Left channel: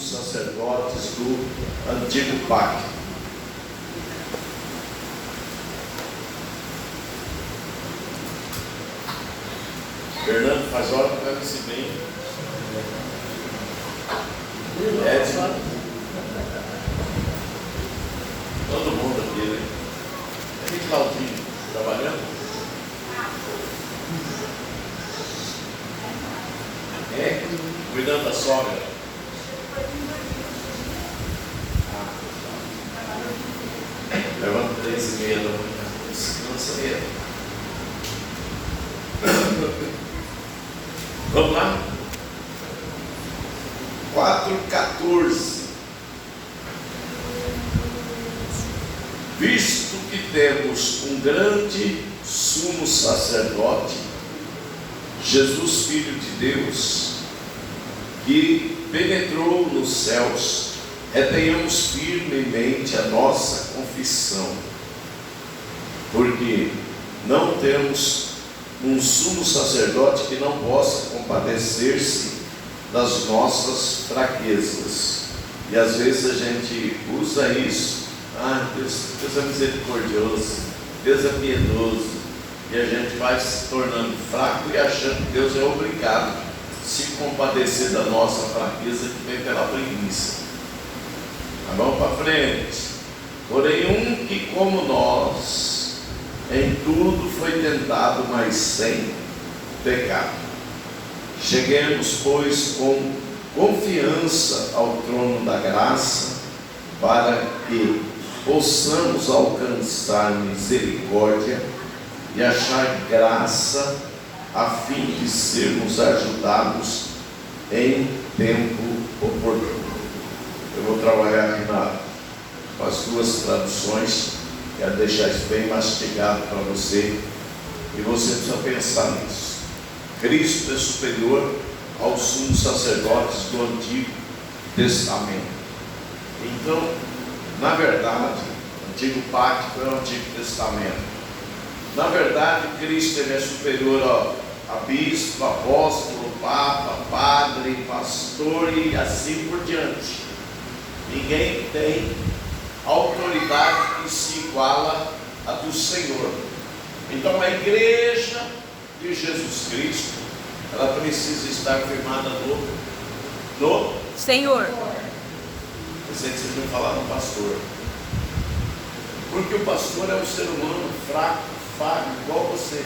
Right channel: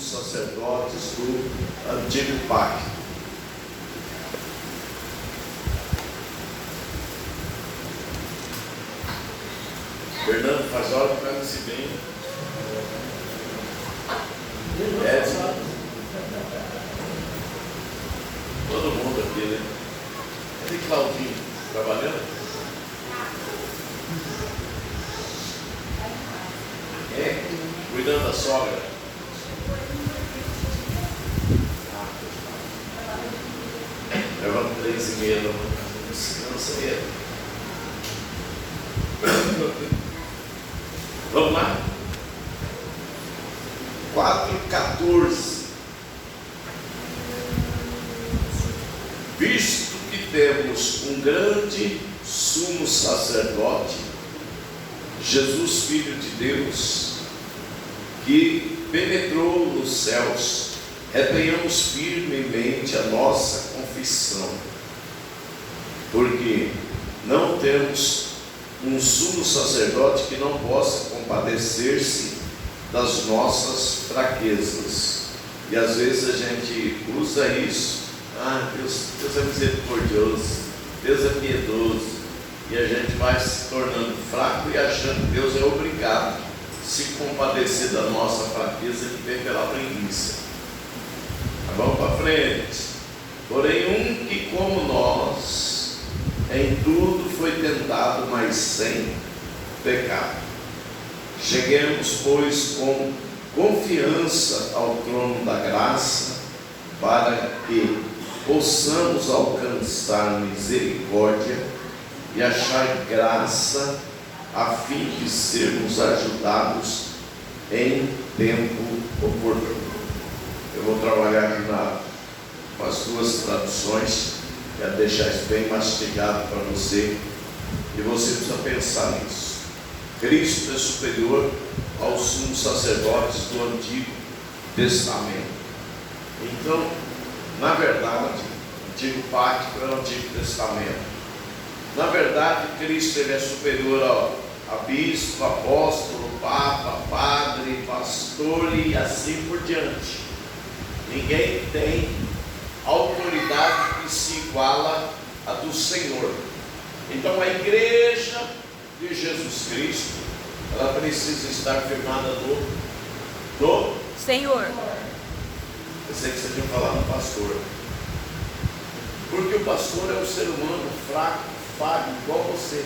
sumos sacerdotes do antigo pacto. Fernando, faz hora que vai me bem. Edson. Todo mundo aqui, né? Cadê Claudinho? Trabalhando? É? Cuidando da sogra. Levanta 3h30 da manhã. Descansa aí. Vamos lá? 4:14. Visto que temos um grande sumo sacerdote, Jesus, Filho de Deus, que penetrou nos céus, retenhamos firmemente a nossa confissão, porque não temos um sumo sacerdote que não possa compadecer-se das nossas fraquezas. E às vezes a gente usa isso. Deus é misericordioso, Deus é piedoso, e a gente vai se tornando fraco e achando que Deus é obrigado a se compadecer da nossa fraqueza que vem pela preguiça. Tá bom? Para frente. Porém, que como nós, em tudo foi tentado, mas sem pecado. Cheguemos, pois, com confiança ao trono da graça, para que possamos alcançar misericórdia e achar graça, a fim de sermos ajudados em tempo oportuno. Eu vou trabalhar aqui com as duas traduções, quero deixar isso bem mastigado para você, e você precisa pensar nisso. Cristo é superior aos sumos sacerdotes do Antigo Testamento. Então, na verdade, o Antigo Pacto é o Antigo Testamento. Na verdade, Cristo ele é superior a bispo, apóstolo, papa, padre, pastor e assim por diante. Ninguém tem autoridade que se iguala a do Senhor. Então, a igreja de Jesus Cristo, ela precisa estar firmada no Senhor. Pensei que você tinha falado no pastor. Porque o pastor é um ser humano fraco, falho, igual você.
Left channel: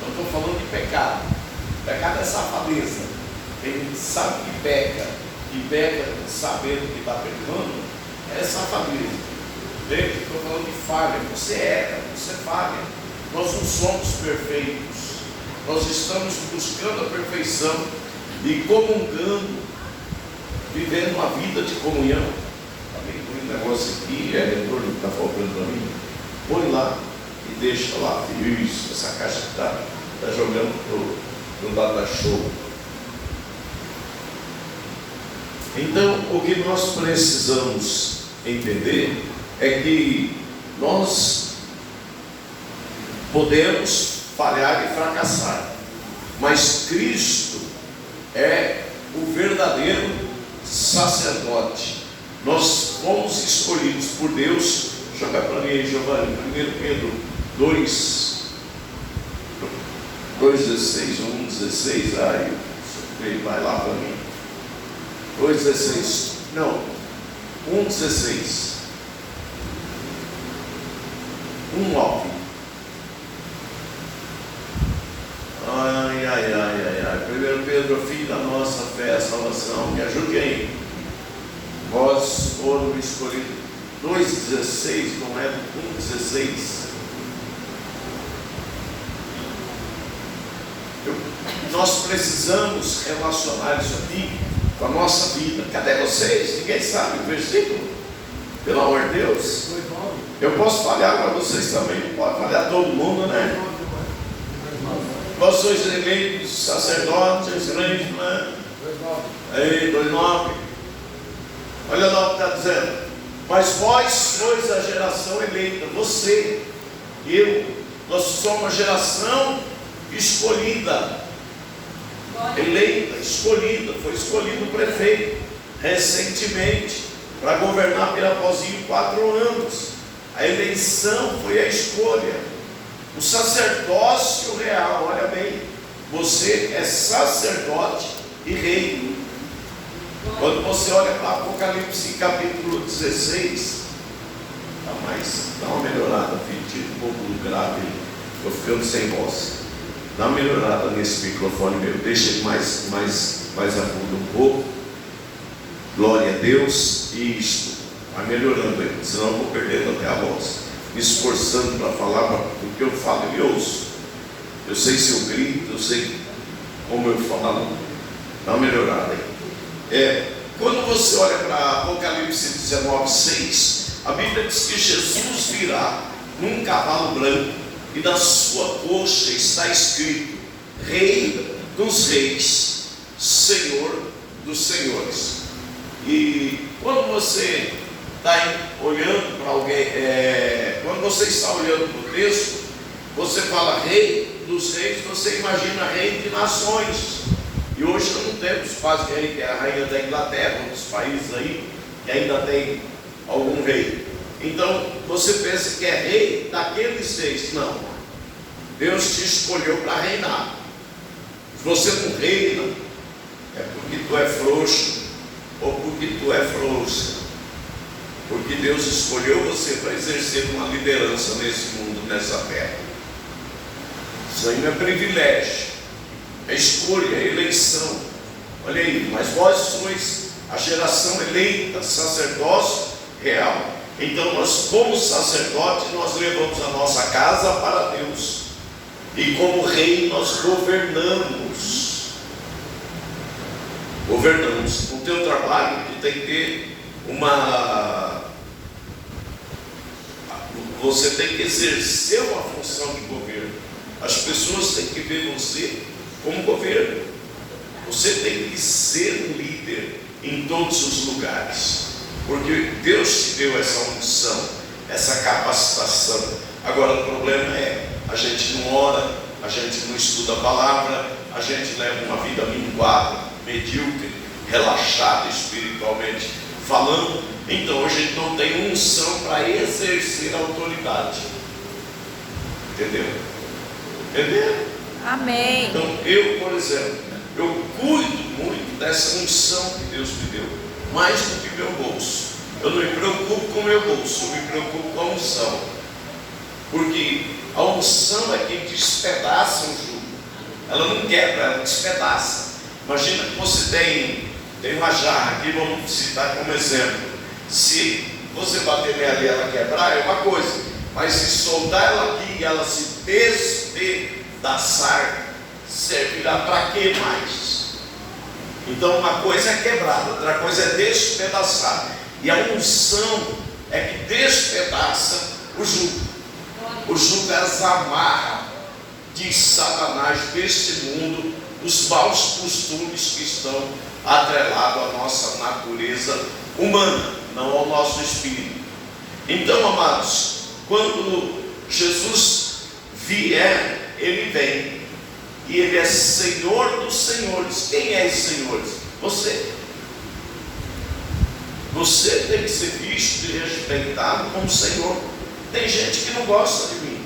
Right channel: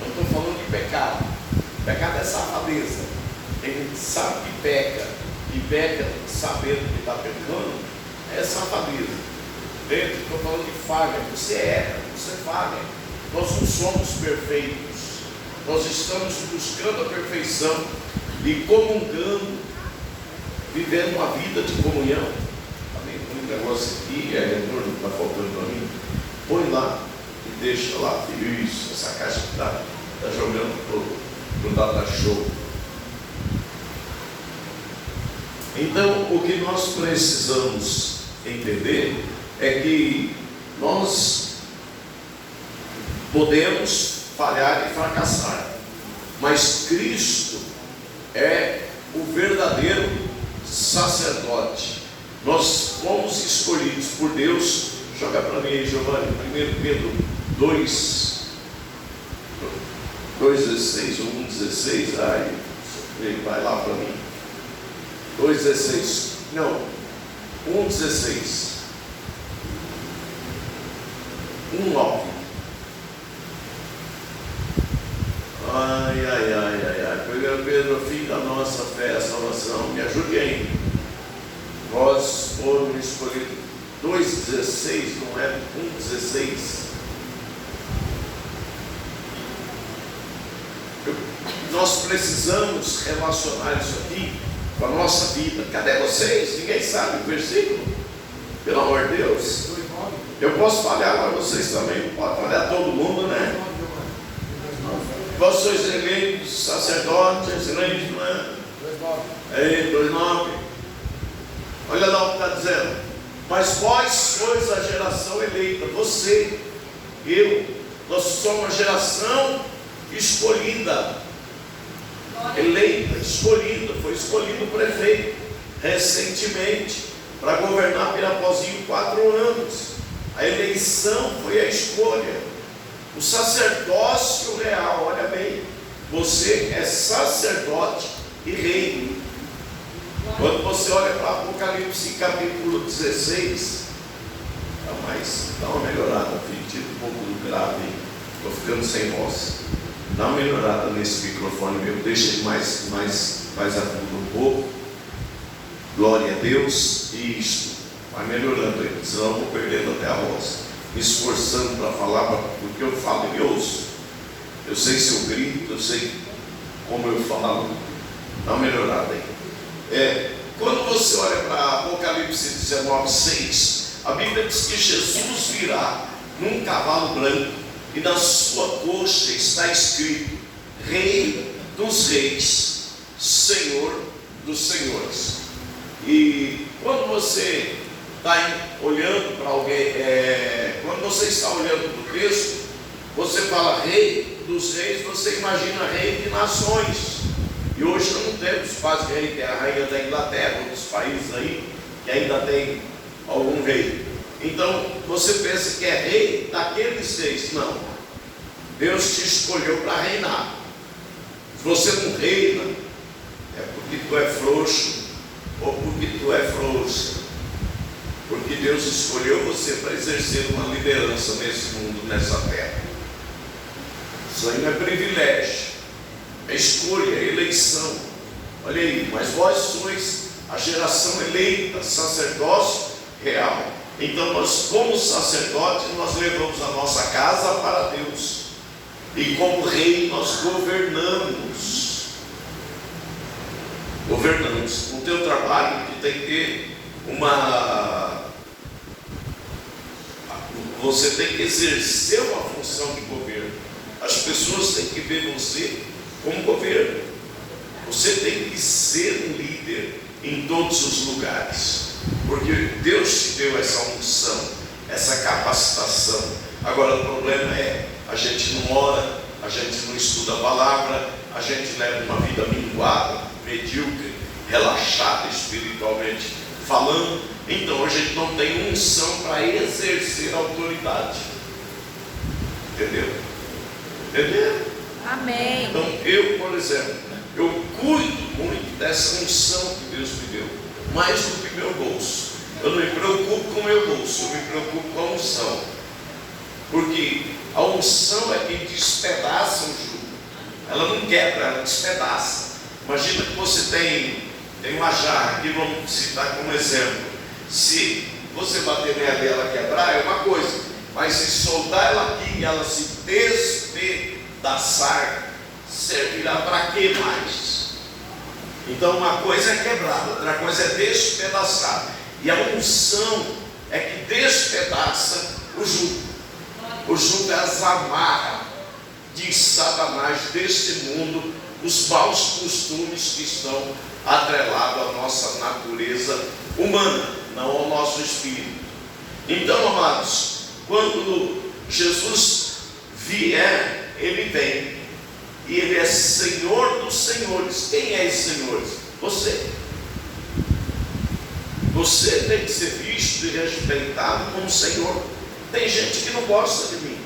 Não estou falando de pecado. Pecado é safadeza. Quem sabe que peca e peca sabendo que está pecando, é safadeza. Veja, estou falando de falha. Você erra, você falha. Nós não somos perfeitos. Nós estamos buscando a perfeição e comungando, vivendo uma vida de comunhão. Está bem com um negócio aqui, retorno que está faltando para mim. Põe lá e deixa lá. Isso, essa caixa que está jogando no data show. Então, o que nós precisamos entender é que nós podemos falhar e fracassar, mas Cristo é o verdadeiro sacerdote. Nós fomos escolhidos por Deus. Joga para mim aí, Giovanni, 1 Pedro 2:16 ou 1:16. Vai lá para mim. 2:16. Não, 1:16. 1:9. Ai. 1 Pedro, filho da nossa fé, a salvação. Me ajude aí. Vós foram escolhidos. 2:16, não é 1:16. Nós precisamos relacionar isso aqui com a nossa vida. Cadê vocês? Ninguém sabe o versículo? Pelo amor de Deus. Eu posso falhar, mas vocês também não podem falhar, todo mundo, né? Vós sois eleitos sacerdotes, né? Aí, 2:9. Olha lá o que está dizendo. Mas vós sois a geração eleita. Você, eu, nós somos uma geração escolhida. Eleita, escolhida. Foi escolhido o prefeito. recentemente para governar Pirapozinho 4 anos. A eleição foi a escolha. O sacerdócio real, olha bem, você é sacerdote e rei. Quando você olha para Apocalipse capítulo 16, dá uma melhorada, filho, um pouco do grave, estou ficando sem voz. Dá uma melhorada nesse microfone mesmo, deixa ele mais agudo um pouco. Glória a Deus. E isto vai melhorando ele, senão eu vou perdendo até a voz, me esforçando para falar, porque eu falo e ouço. Eu sei se eu grito, eu sei como eu falo. Dá uma melhorada aí. Quando você olha para Apocalipse 19:6, a Bíblia diz que Jesus virá num cavalo branco e na sua coxa está escrito: Rei dos Reis, Senhor dos Senhores. E quando você está olhando para alguém, quando você está olhando para o texto, você fala Rei dos Reis, você imagina Rei de nações. E hoje não temos quase rei, que é a rainha da Inglaterra, outros países aí que ainda tem algum rei. Então você pensa que é rei daqueles reis. Não, Deus te escolheu para reinar. Se você não reina, é porque tu é frouxo ou porque tu é frouxa, porque Deus escolheu você para exercer uma liderança nesse mundo, nessa terra. Isso aí não é privilégio, é escolha, é eleição. Olha aí, mas vós sois a geração eleita, sacerdócio real. Então nós, como sacerdote, nós levamos a nossa casa para Deus, e como rei nós governamos. O teu trabalho, tu tem que ter você tem que exercer uma função de governo. As pessoas têm que ver você como governo. Você tem que ser um líder em todos os lugares, porque Deus te deu essa unção, essa capacitação. Agora o problema é, a gente não ora, a gente não estuda a palavra, a gente leva uma vida minguada, medíocre, relaxada espiritualmente falando. Então a gente não tem unção para exercer a autoridade. Entendeu? Amém. Então eu, por exemplo, eu cuido muito dessa unção que Deus me deu, mais do que meu bolso. Eu não me preocupo com o meu bolso, eu me preocupo com a unção, porque a unção é quem despedaça o jugo. Ela não quebra, ela despedaça. Imagina que você tem uma jarra aqui, vamos citar como exemplo. Se você bater nela e ela quebrar, é uma coisa, mas se soltar ela aqui e ela se despedaçar, servirá para quê mais? Então uma coisa é quebrada, outra coisa é despedaçar, e a unção é que despedaça o jugo. O jugo as amarra de Satanás deste mundo, os maus costumes que estão atrelados à nossa natureza humana, não ao nosso espírito. Então, amados, quando Jesus vier, Ele vem, e Ele é Senhor dos senhores. Quem é esse Senhor? Você. Você tem que ser visto e respeitado como Senhor. Tem gente que não gosta de mim,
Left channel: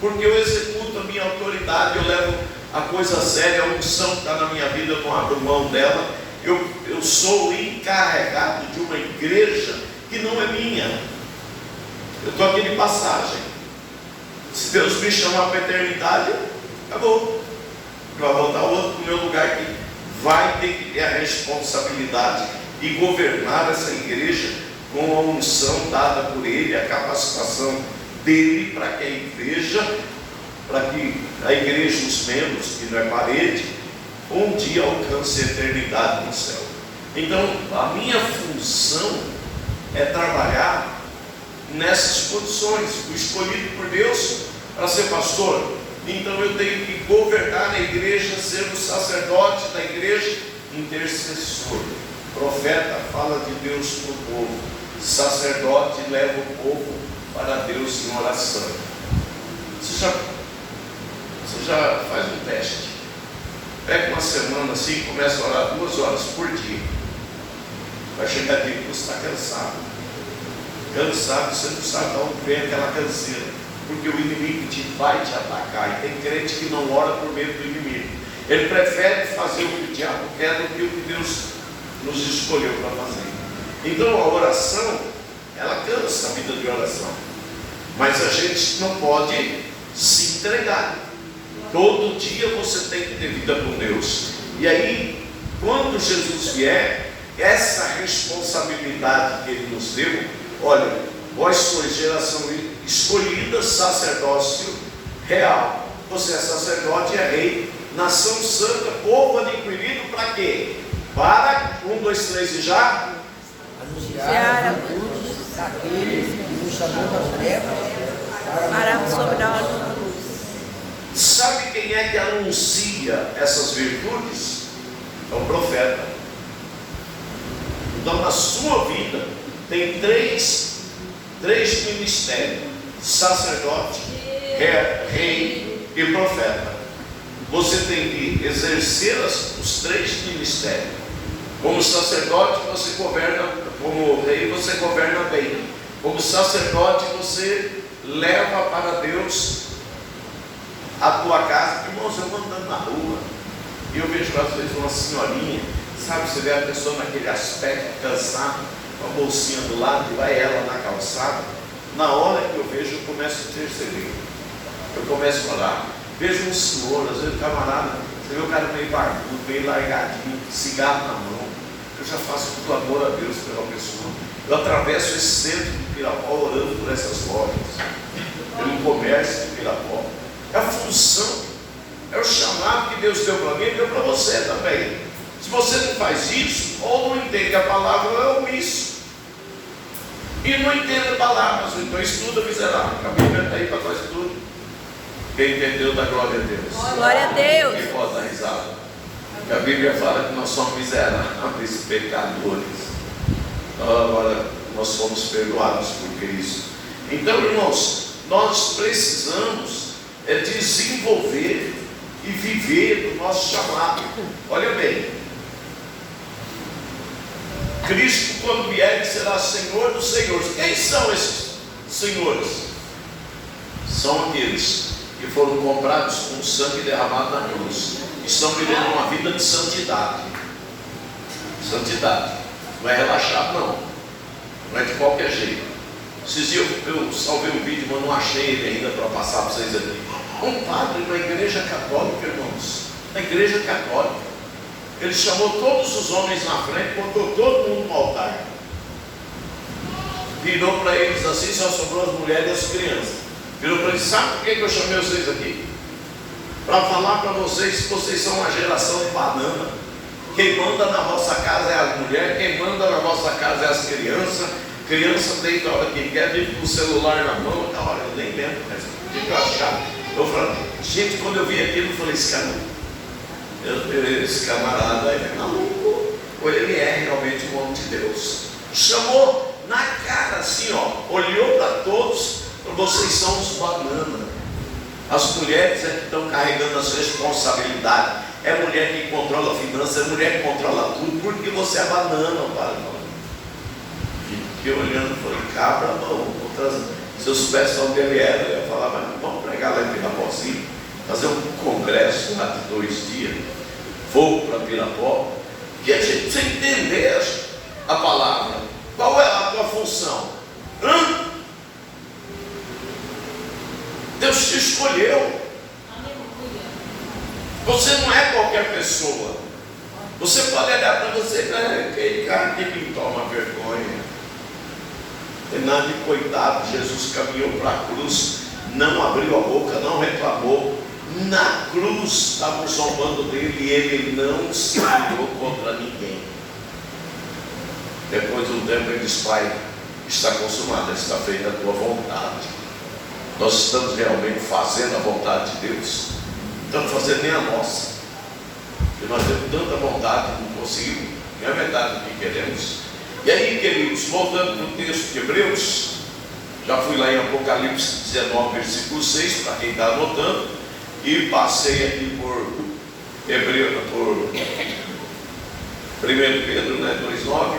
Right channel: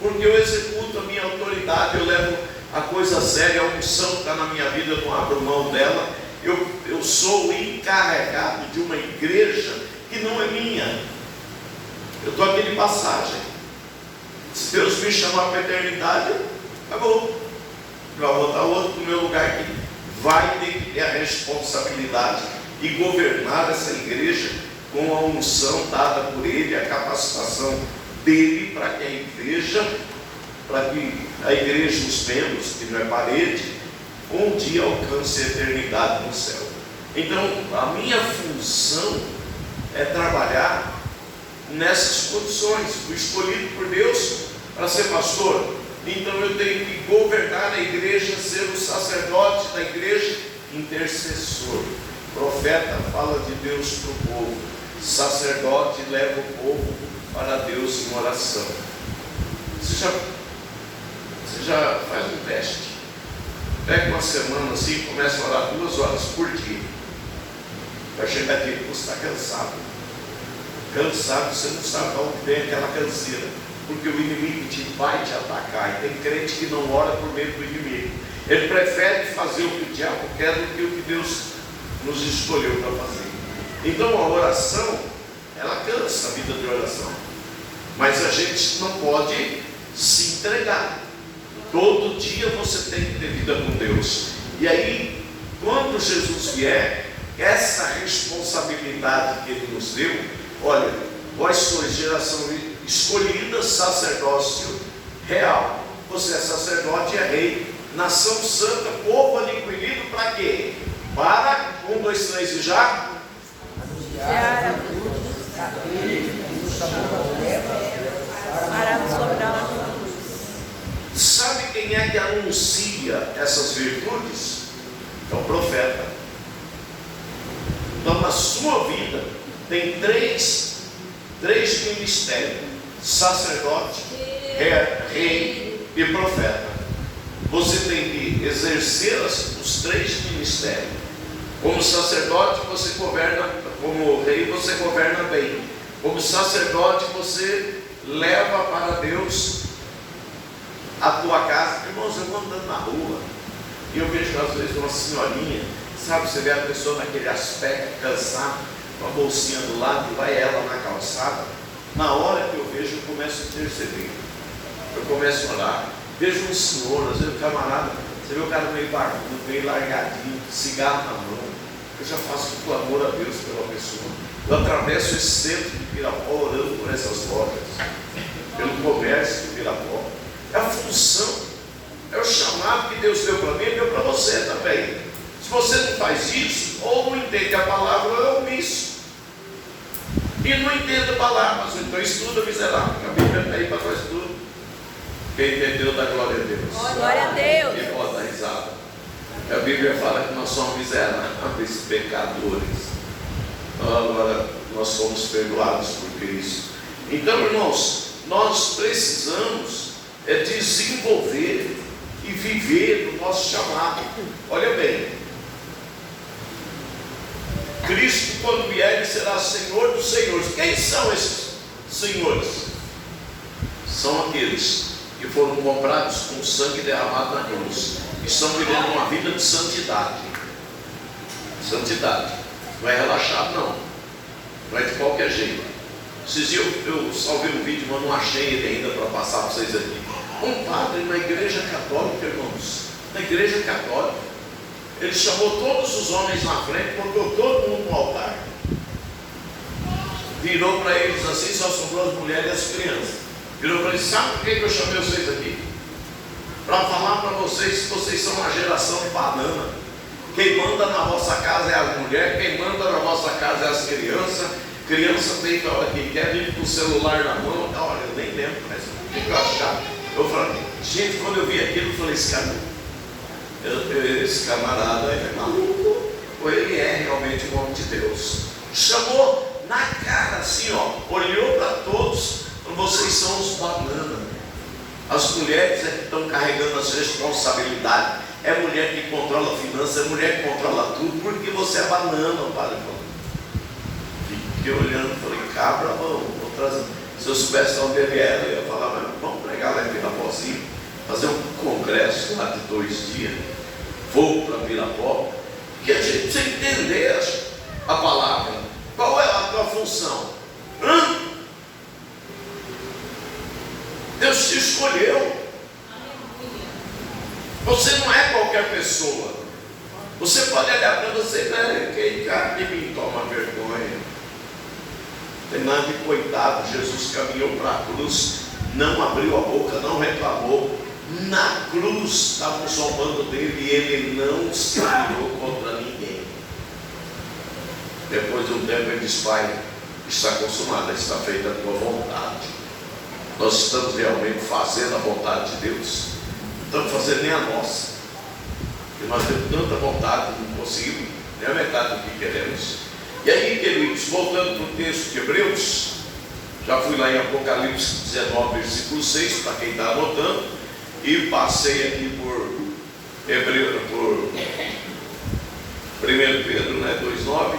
porque eu executo a minha autoridade, eu levo a coisa séria, a unção que está na minha vida, eu não abro mão dela. Eu sou encarregado de uma igreja que não é minha. Eu estou aqui de passagem. Se Deus me chamar para a eternidade, acabou. Vai voltar outro no meu lugar aqui. Vai ter que ter a responsabilidade de governar essa igreja com a unção dada por Ele, a capacitação dele, para que a igreja, os membros, que não é parede, um dia alcance a eternidade no céu. Então a minha função é trabalhar nessas condições. Fui escolhido por Deus para ser pastor, então eu tenho que governar a igreja, ser o sacerdote da igreja, intercessor. Profeta fala de Deus para o povo, sacerdote leva o povo para Deus em oração. Você já faz um teste. Pega uma semana assim e começa a orar 2 horas por dia. Vai chegar tempo que você está cansado. Cansado, você não sabe de onde vem aquela canseira. Porque o inimigo vai te atacar. E tem crente que não ora por medo do inimigo. Ele prefere fazer o que o diabo quer do que o que Deus nos escolheu para fazer. Então a oração, ela cansa a vida de oração. Mas a gente não pode se entregar. Todo dia você tem que ter vida com Deus. E aí, quando Jesus vier, essa responsabilidade que Ele nos deu, olha, vós sois geração escolhida, sacerdócio real. Você é sacerdote e é rei, nação santa, povo adquirido para quê? Para, 1, 2, 3 e já? Anunciar a luz daquele que nos chamou das trevas para a sombra. Sabe quem é que anuncia essas virtudes? É o profeta. Então, na sua vida, tem três ministérios: sacerdote, rei e profeta. Você tem que exercer os 3 ministérios. Como sacerdote, você governa, como rei, você governa bem. Como sacerdote, você leva para Deus a tua casa. Irmãos, eu vou andando na rua e eu vejo às vezes uma senhorinha, sabe, você vê a pessoa naquele aspecto cansado, com a bolsinha do lado, e vai ela na calçada. Na hora que eu vejo, eu começo a interceder, eu começo a orar. Vejo um senhor, às vezes um camarada, você vê o cara meio barbudo, meio largadinho, cigarro na mão. Eu já faço um clamor a Deus pela pessoa. Eu atravesso esse centro de Pirapó orando por essas lojas, pelo comércio de Pirapó. É a função, é o chamado que Deus deu para mim e deu para você também. Se você não faz isso, ou não entende a palavra, ou é omisso. E não entende a palavra, mas então estuda, miserável. A Bíblia está aí para nós tudo. Quem entendeu, dá glória a Deus. Glória a Deus. Quem pode dar risada? A Bíblia fala que nós somos miseráveis, pecadores. Agora nós somos perdoados por Cristo. Então, irmãos, nós precisamos desenvolver e viver o nosso chamado. Olha bem, Cristo, quando vier, Ele será Senhor dos senhores. Quem são esses senhores? São aqueles que foram comprados com sangue derramado na cruz, que estão vivendo uma vida de santidade. Santidade, não é relaxado, não é de qualquer jeito. Esses dias eu salvei um vídeo, mas não achei ele ainda para passar para vocês aqui. Um padre na igreja católica, irmãos, na igreja católica, ele chamou todos os homens na frente, botou todo mundo no altar, virou para eles assim, só sobrou as mulheres e as crianças. Virou para eles: sabe por que eu chamei vocês aqui? Para falar para vocês que vocês são uma geração de banana. Quem manda na vossa casa é a mulher, quem manda na vossa casa é as crianças. Criança deita a hora que quer, vive com o celular na mão. Olha, eu nem lembro, mas o que eu achava? Eu falei, gente, quando eu vi aquilo, eu falei: esse camarada é maluco, ou ele é realmente um homem de Deus. Chamou na cara assim, ó, olhou para todos. Vocês são os bananas. As mulheres é que estão carregando as responsabilidades. É mulher que controla a finança, é mulher que controla tudo, porque você é banana, padre. Fiquei olhando e falei: cabra, se eu soubesse onde ele era, eu ia falar: mas vamos pregar lá em Pirapó, assim, fazer um congresso lá de 2 dias, fogo para Pirapó, que a gente precisa entender a palavra. Qual é a tua função? Deus te escolheu. Você não é qualquer pessoa. Você pode olhar para você e dizer: aquele cara que me toma vergonha. Tem nada de coitado. Jesus caminhou para a cruz, não abriu a boca, não reclamou. Na cruz estavam zombando dele e ele não se virou contra ninguém. Depois de um tempo ele diz: Pai, está consumado, está feita a tua vontade. Nós estamos realmente fazendo a vontade de Deus? Não estamos fazendo nem a nossa, porque nós temos tanta vontade que não conseguimos nem a metade do que queremos. E aí, queridos, voltando para o texto de Hebreus, já fui lá em Apocalipse 19, versículo 6, para quem está anotando, e passei aqui por Hebreus, por 1 Pedro, 2,9,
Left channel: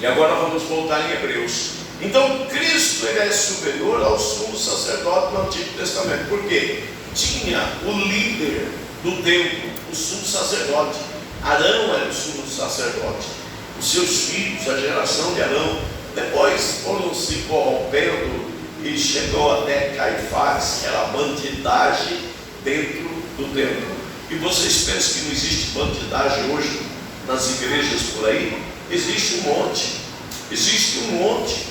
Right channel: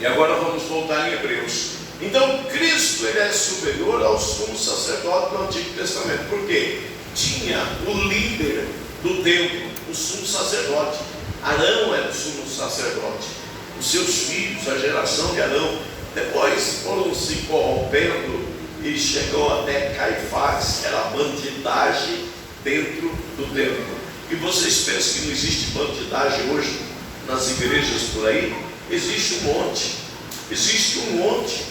E agora vamos voltar em Hebreus. Então Cristo ele é superior ao sumo sacerdote do Antigo Testamento. Por quê? Tinha o líder do templo, o sumo sacerdote. Arão era o sumo sacerdote. Os seus filhos, a geração de Arão, depois foram se corrompendo e chegou até Caifás. Era bandidagem dentro do templo. E vocês pensam que não existe bandidagem hoje nas igrejas por aí? Existe um monte. Existe um monte.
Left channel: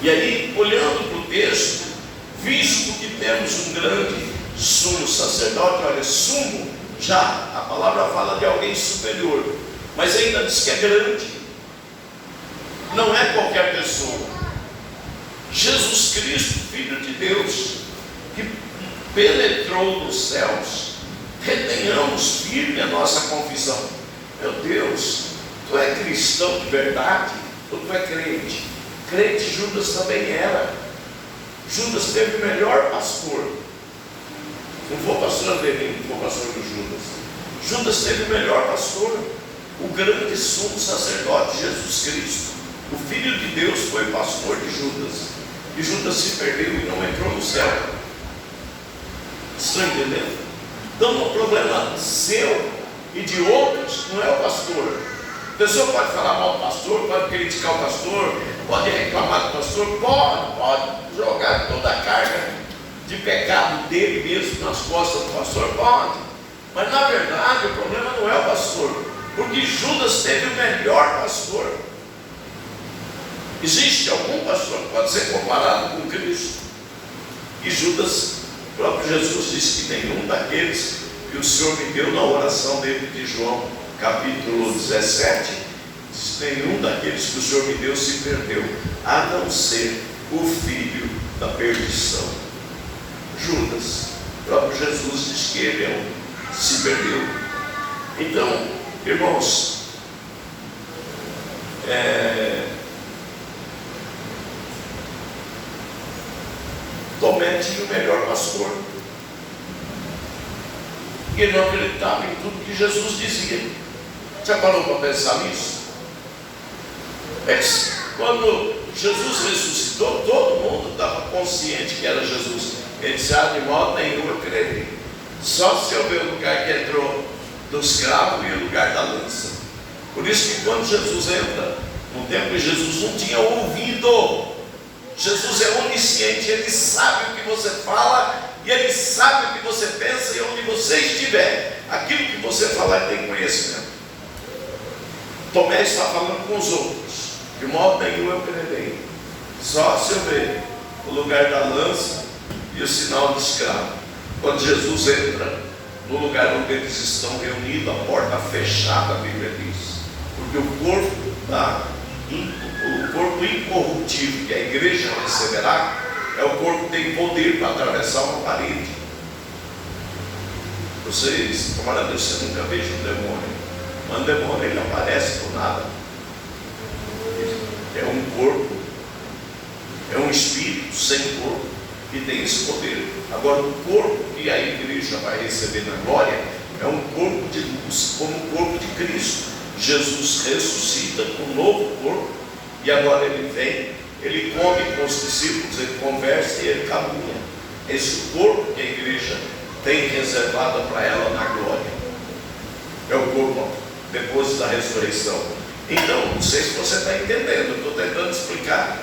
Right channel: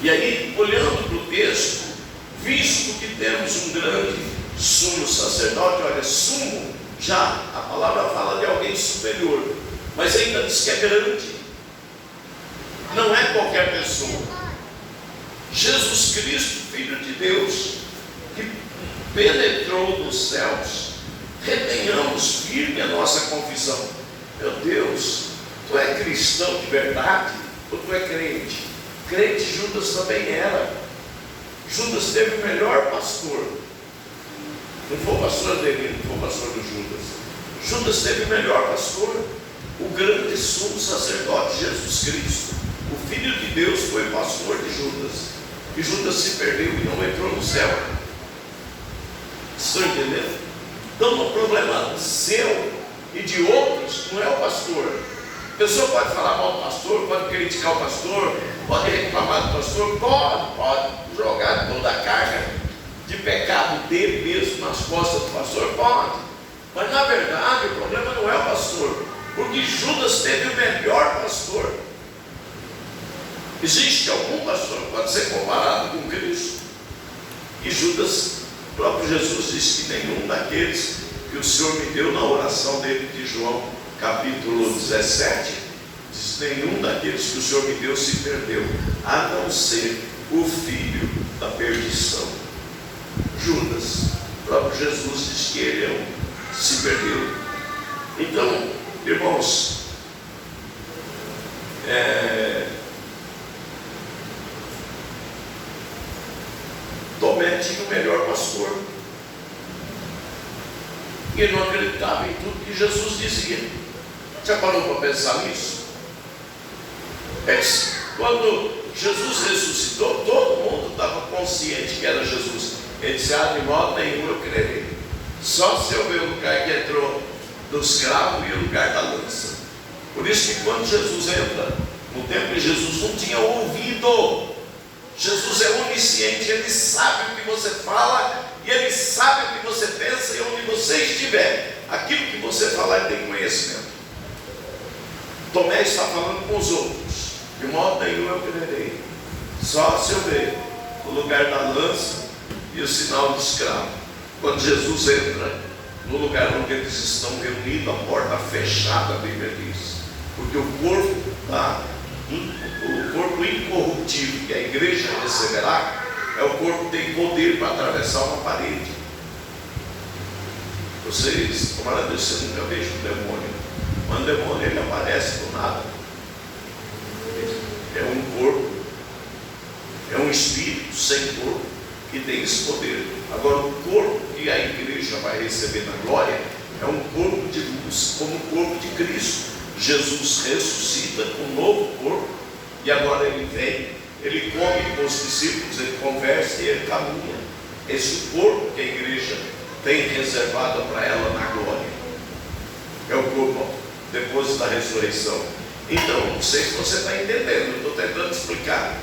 E aí, olhando para o texto, visto que temos um grande sumo sacerdote, olha, sumo, já a palavra fala de alguém superior, mas ainda diz que é grande, não é qualquer pessoa. Jesus Cristo, Filho de Deus, que penetrou nos céus, retenhamos firme a nossa confissão. Meu Deus, tu é cristão de verdade ou tu é crente? Crente Judas também era. Judas teve o melhor pastor. Não foi o pastor Adelino, não foi o pastor do Judas. Judas teve o melhor pastor, o grande sumo sacerdote Jesus Cristo. O Filho de Deus foi pastor de Judas. E Judas se perdeu e não entrou no céu. Estão entendendo? Então o problema seu e de outros não é o pastor. A pessoa pode falar mal do pastor, pode criticar o pastor, pode reclamar do pastor, pode jogar toda a carga de pecado dele mesmo nas costas do pastor, pode. Mas na verdade o problema não é o pastor, porque Judas teve o melhor pastor. Existe algum pastor que pode ser comparado com Cristo? E Judas, o próprio Jesus disse que nenhum daqueles que o Senhor me deu na oração dele de João, capítulo 17, diz, nenhum daqueles que o Senhor me deu se perdeu, a não ser o filho da perdição. Judas, o próprio Jesus diz que ele se perdeu. Então, irmãos, Tomé tinha o melhor pastor. E ele não acreditava em tudo que Jesus dizia. Já parou para pensar nisso? Quando Jesus ressuscitou, todo mundo estava consciente que era Jesus. Ele disse, de modo nenhum eu crerei. Só se eu ver o lugar que entrou do escravo e o lugar da lança. Por isso que quando Jesus entra no templo de Jesus, não tinha ouvido. Jesus é onisciente, Ele sabe o que você fala, e Ele sabe o que você pensa, e onde você estiver, aquilo que você falar tem conhecimento. Tomé está falando com os outros, de modo nenhum eu crerei, só se eu ver o lugar da lança e o sinal de escravo. Quando Jesus entra no lugar onde eles estão reunidos, a porta fechada, a Bíblia diz, porque o corpo incorruptível que a igreja receberá é o corpo que tem poder para atravessar uma parede. Vocês, tomara Deus, você nunca veja um demônio, mas um demônio ele aparece do nada. É um corpo, é um espírito sem corpo que tem esse poder. Agora o corpo que a igreja vai receber na glória é um corpo de luz, como o corpo de Cristo. Jesus ressuscita com um novo corpo, e agora ele vem, ele come com os discípulos, ele conversa e ele caminha. Esse corpo que a igreja tem reservado para ela na glória é o corpo depois da ressurreição. Então, não sei se você está entendendo, eu estou tentando explicar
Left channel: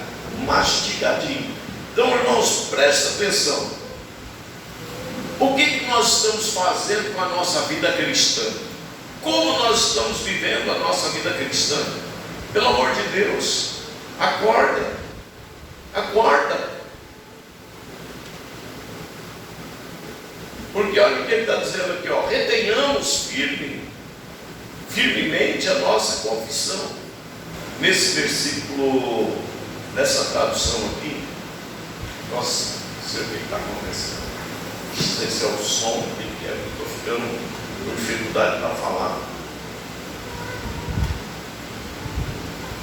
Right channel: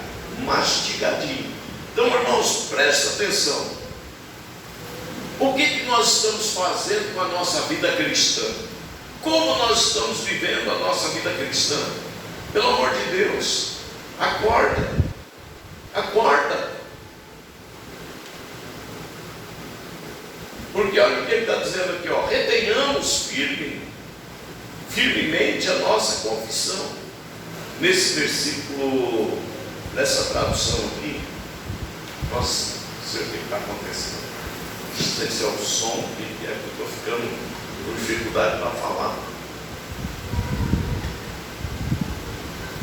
mastigadinho. Então, irmãos, presta atenção. O que nós estamos fazendo com a nossa vida cristã? Como nós estamos vivendo a nossa vida cristã? Pelo amor de Deus, acorda, acorda. Porque olha o que ele está dizendo aqui, retenhamos firmemente a nossa confissão. Nesse versículo, nessa tradução aqui, nossa, não sei o que está acontecendo. Esse é o som que eu estou ficando com dificuldade para falar.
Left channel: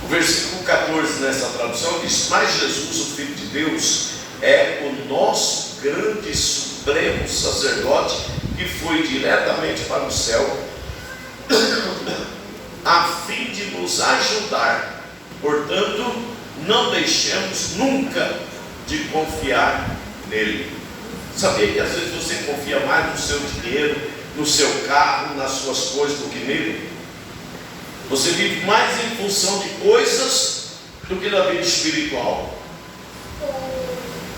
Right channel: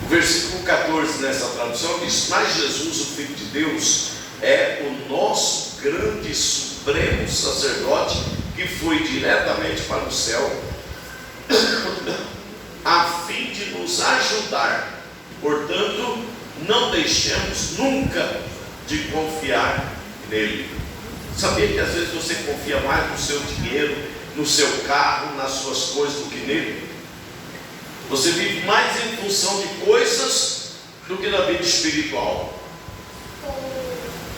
O versículo 14 nessa tradução diz, mas Jesus, o Filho de Deus, é o nosso grande supremo sacerdote que foi diretamente para o céu a fim de nos ajudar. Portanto, não deixemos nunca de confiar nele. Sabia que às vezes você confia mais no seu dinheiro, no seu carro, nas suas coisas do que nele? Você vive mais em função de coisas do que na vida espiritual.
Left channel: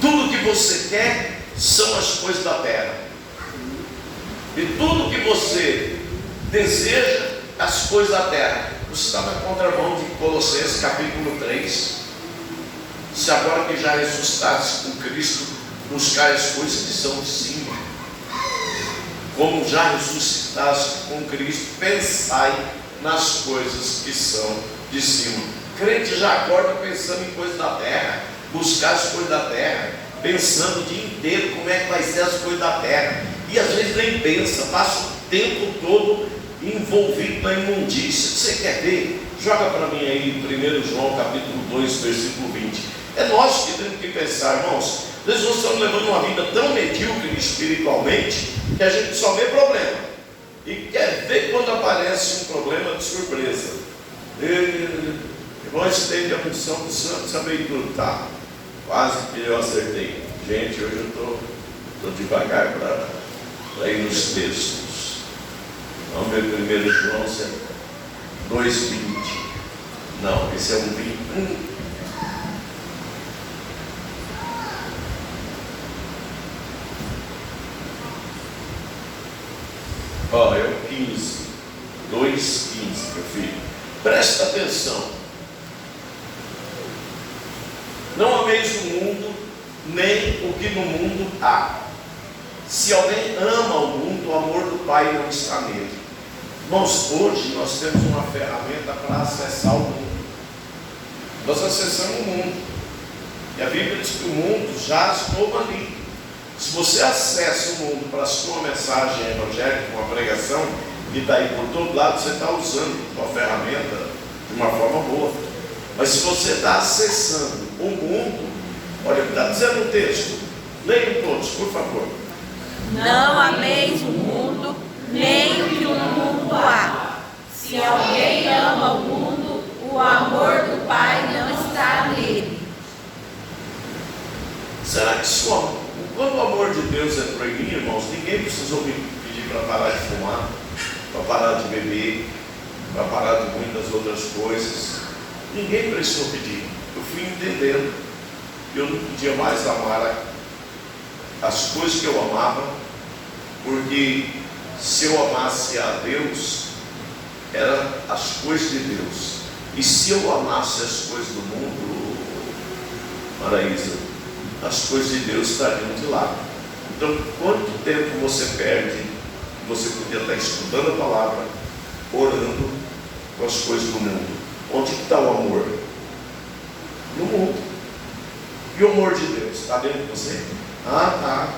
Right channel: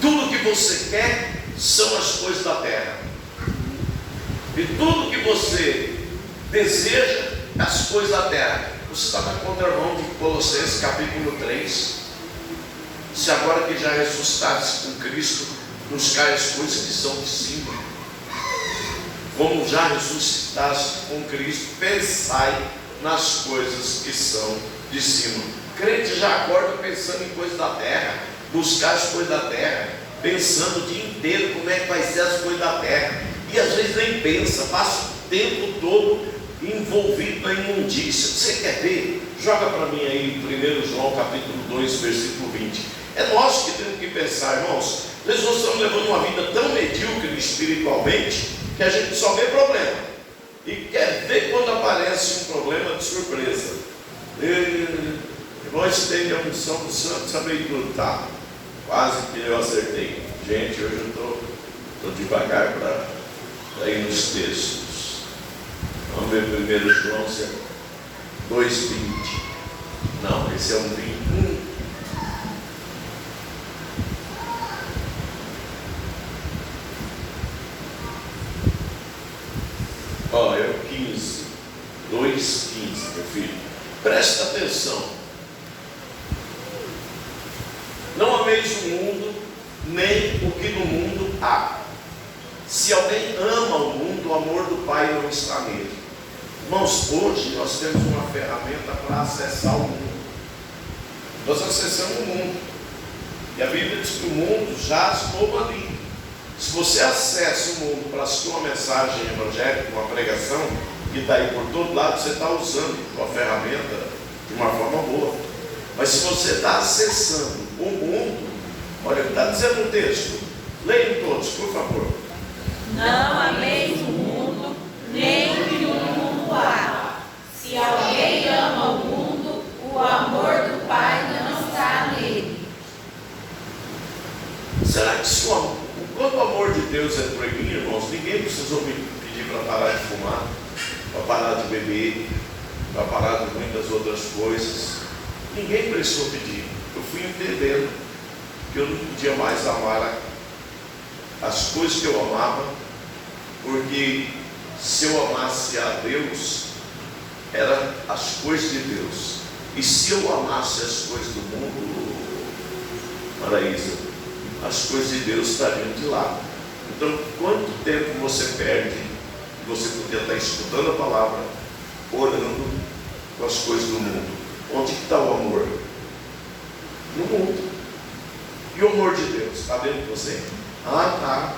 Tudo que você quer são as coisas da terra. E tudo que você deseja, as coisas da terra. Você está na contramão de Colossenses capítulo 3. Se agora que já ressuscitaste com Cristo, buscai as coisas que são de cima. Como já ressuscitaste com Cristo, pensai nas coisas que são de cima. Crente já acorda pensando em coisas da terra, buscar as coisas da terra, pensando o dia inteiro como é que vai ser as coisas da terra, e às vezes nem pensa, passa o tempo todo envolvido na imundícia. Você quer ver? Joga para mim aí 1 João capítulo 2, versículo 20. É nós que temos que pensar, irmãos. Às vezes nós estamos levando uma vida tão medíocre espiritualmente que a gente só vê problema e quer ver quando aparece um problema de surpresa. Nós temos a função do santo saber tudo, tá? Quase que eu acertei. Gente, hoje eu estou devagar para ir nos textos. Vamos ver 1 João 2,20. Não, esse é um 21. Ó, é o 15. 2,15, meu filho. Presta atenção. Não ameis o mundo, nem o que no mundo há. Se alguém ama o mundo, o amor do Pai não está nele. Irmãos, hoje nós temos uma ferramenta para acessar o mundo. Nós acessamos o mundo. E a Bíblia diz que o mundo jaz todo ali. Se você acessa o mundo para a sua mensagem evangélica, uma pregação, que está aí por todo lado, você está usando a ferramenta de uma forma boa. Mas se você está acessando o mundo, olha o que está dizendo o texto. Leiam todos, por favor. Não ameis o mundo, nem o que no mundo há. Se alguém ama o mundo, o amor do Pai não está nele. Será que quando o amor de Deus entrou em mim, irmãos, ninguém precisou me pedir para parar de fumar, para parar de beber, para parar de muitas outras coisas. Ninguém precisou pedir. Eu fui entendendo que eu não podia mais amar as coisas que eu amava, porque se eu amasse a Deus, eram as coisas de Deus. E se eu amasse as coisas do mundo, Maraísa, as coisas de Deus estariam de lado. Então, quanto tempo você perde? Você podia estar estudando a palavra, orando com as coisas do mundo. Onde está o amor? No mundo. E o amor de Deus? Está dentro de você? Tá.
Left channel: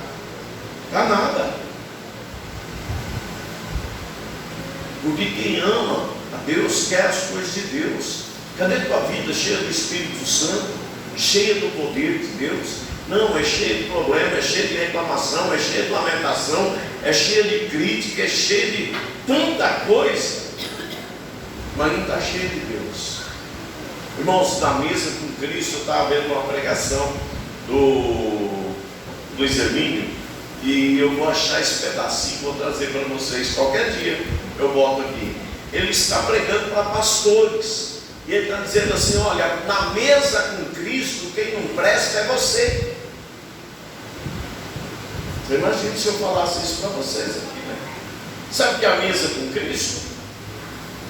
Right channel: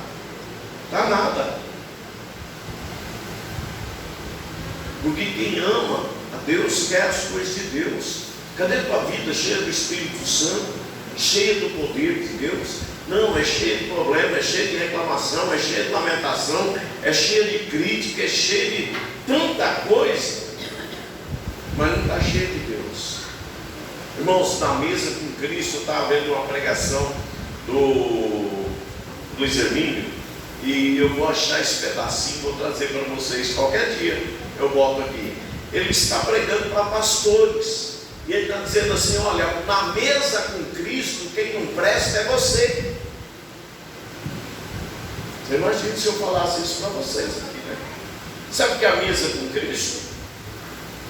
Está nada. Porque quem ama a Deus quer as coisas de Deus. Cadê a tua vida cheia do Espírito Santo? Cheia do poder de Deus? Não, é cheia de problema, é cheia de reclamação, é cheia de lamentação, é cheia de crítica, é cheia de tanta coisa, mas não está cheia de Deus. Irmãos, na mesa com Cristo, eu estava vendo uma pregação do Luiz Hermínio, e eu vou achar esse pedacinho, vou trazer para vocês qualquer dia, eu boto aqui. Ele está pregando para pastores, e ele está dizendo assim: olha, na mesa com Cristo, quem não presta é você. Você imagina se eu falasse isso para vocês aqui, né? Sabe o que é a mesa com Cristo?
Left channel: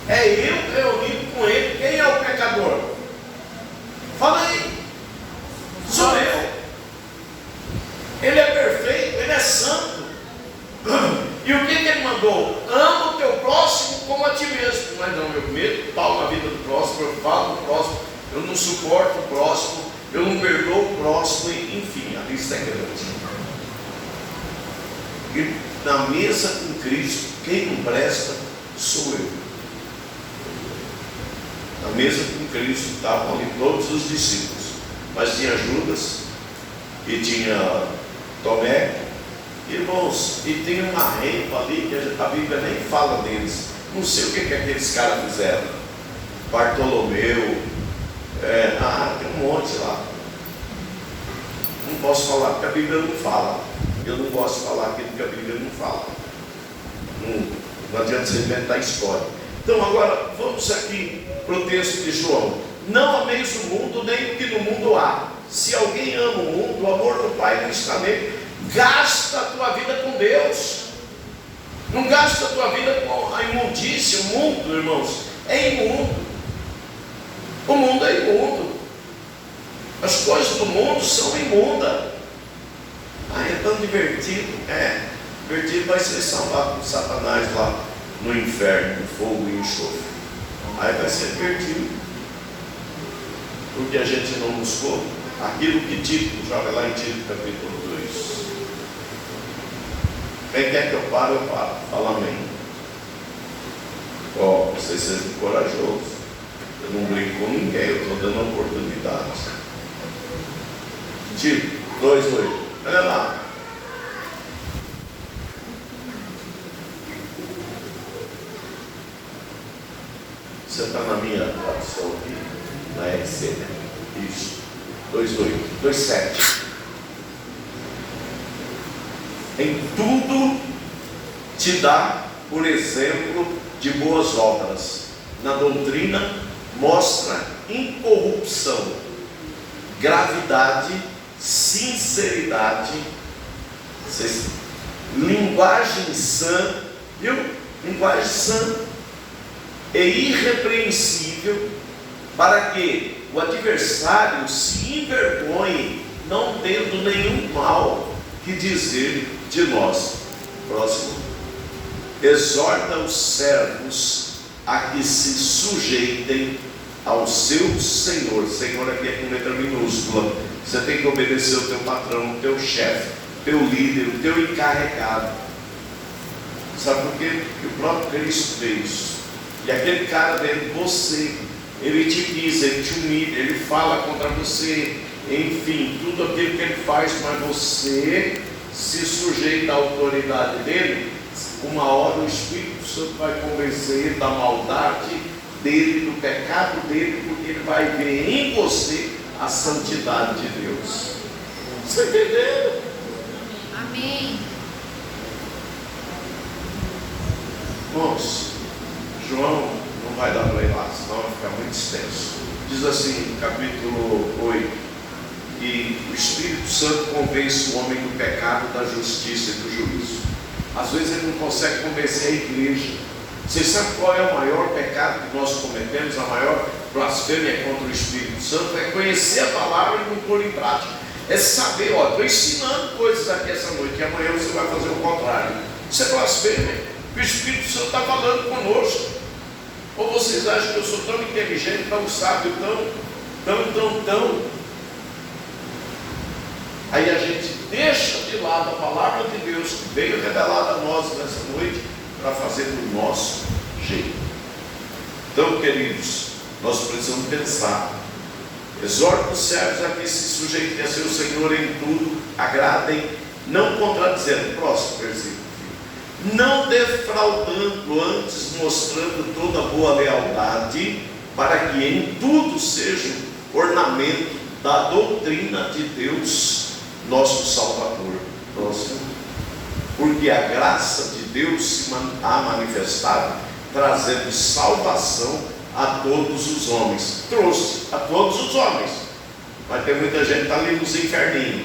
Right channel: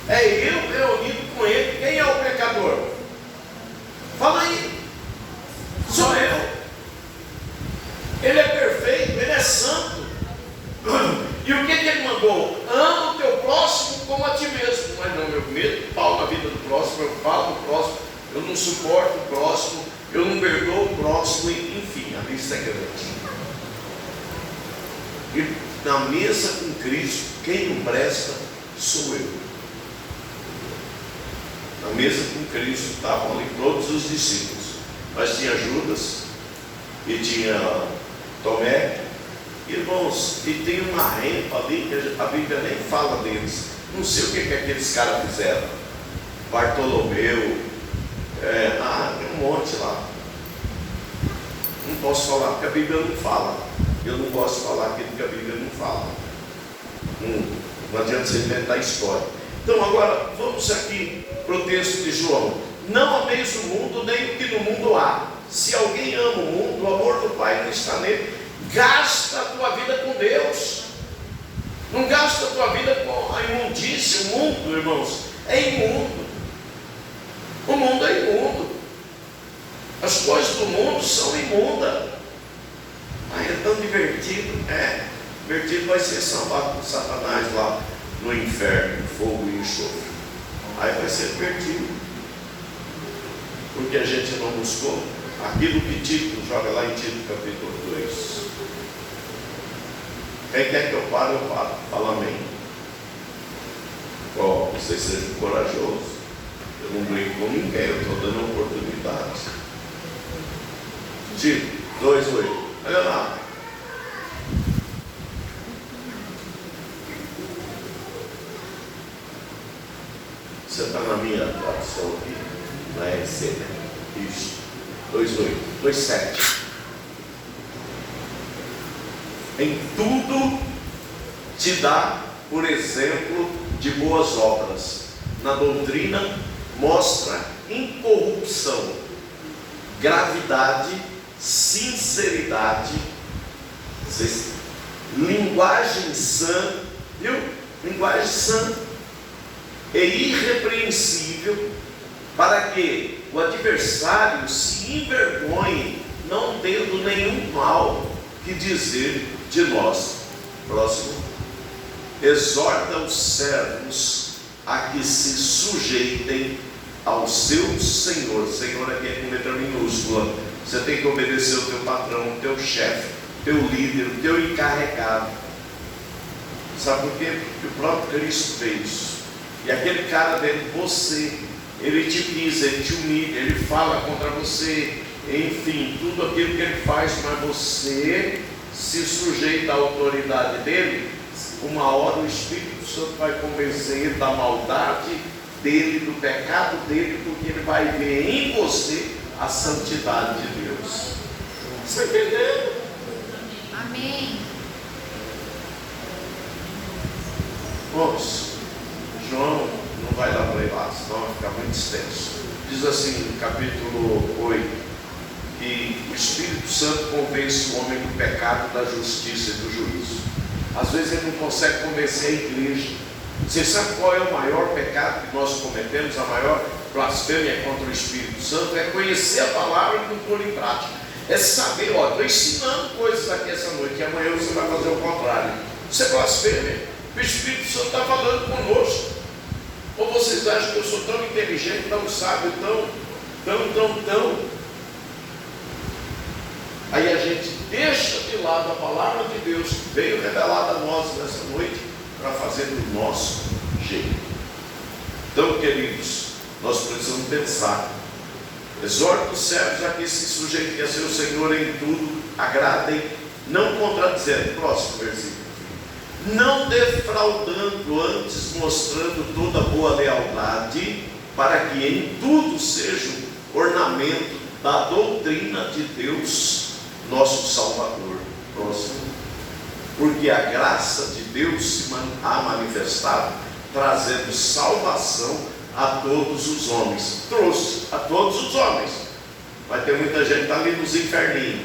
É eu reunido com Ele. Quem é o pecador? Fala aí. Sou eu. Ele é perfeito, Ele é santo. E o que Ele mandou? Ama o teu próximo como a ti mesmo. Mas não, eu meto pau na vida do próximo, eu falo do próximo, eu não suporto o próximo, eu não perdoo o próximo, enfim, a lista é grande. E na mesa com Cristo, quem não presta sou eu. Na mesa com Cristo estavam ali todos os discípulos, mas tinha Judas e tinha Tomé. Irmãos, e tem uma rempa ali que a Bíblia nem fala deles, Não sei o que aqueles caras fizeram. Bartolomeu, tem um monte lá. Não posso falar porque a Bíblia não fala. Eu não gosto de falar aquilo que a Bíblia não fala. Não adianta você inventar história. Então agora vamos aqui para o texto de João. Não ameis o mundo, nem o que no mundo há. Se alguém ama o mundo, o amor do Pai não está nele. Gasta a tua vida com Deus. Não gasta a tua vida com a imundícia. O mundo, irmãos, é imundo. O mundo é imundo. As coisas do mundo são imundas. É tão divertido. Divertido vai ser salvar com Satanás lá no inferno, fogo e enxofre. Aí vai ser divertido. Porque a gente não buscou aquilo que Tito, joga lá em Tito capítulo 2. Quem quer que eu pare, eu paro. Fala amém. Vocês sejam corajosos. Eu não brinco com ninguém, eu estou dando oportunidade. Tito 2:8. Olha lá. Você está na minha tradução aqui, na RC, né? Isso. 2:8. 2:7. Em tudo te dá por exemplo de boas obras. Na doutrina mostra incorrupção, gravidade, sinceridade, linguagem sã, viu? Linguagem sã e irrepreensível, para que o adversário se envergonhe, não tendo nenhum mal que dizer de nós. Próximo. Exorta os servos a que se sujeitem ao seu Senhor. Senhor aqui é com letra minúscula. Você tem que obedecer o teu patrão, o teu chefe, o teu líder, o teu encarregado. Sabe por quê? Porque o próprio Cristo fez. E aquele cara dentro de você, ele te pisa, ele te humilha, ele fala contra você, enfim, tudo aquilo que ele faz, mas você se sujeita à autoridade dele. Uma hora o Espírito Santo vai convencer ele da maldade dele, do pecado dele, porque ele vai ver em você a santidade de Deus. Você entendeu? Amém. Vamos. João não vai dar para ir lá, senão vai ficar muito extenso. Diz assim no capítulo 8, que o Espírito Santo convence o homem do pecado, da justiça e do juízo. Às vezes ele não consegue convencer a igreja. Você sabe qual é o maior pecado que nós cometemos? A maior blasfêmia contra o Espírito Santo é conhecer a palavra e não pôr em prática. É saber, estou ensinando coisas aqui essa noite, e amanhã você vai fazer o contrário. Isso é blasfêmia. O Espírito Santo está falando conosco. Ou vocês acham que eu sou tão inteligente, tão sábio, tão. Aí a gente deixa de lado a palavra de Deus que veio revelada a nós nessa noite para fazer do nosso jeito. Então, queridos, nós precisamos pensar. Exorta os servos a que se sujeitem a seu Senhor em tudo, agradem, não contradizendo. Próximo versículo. Não defraudando, antes mostrando toda boa lealdade, para que em tudo seja ornamento da doutrina de Deus, nosso Salvador. Próximo. Porque a graça de Deus se há manifestado, trazendo salvação a todos os homens. Trouxe a todos os homens. Vai ter muita gente que está ali nos inferninhos,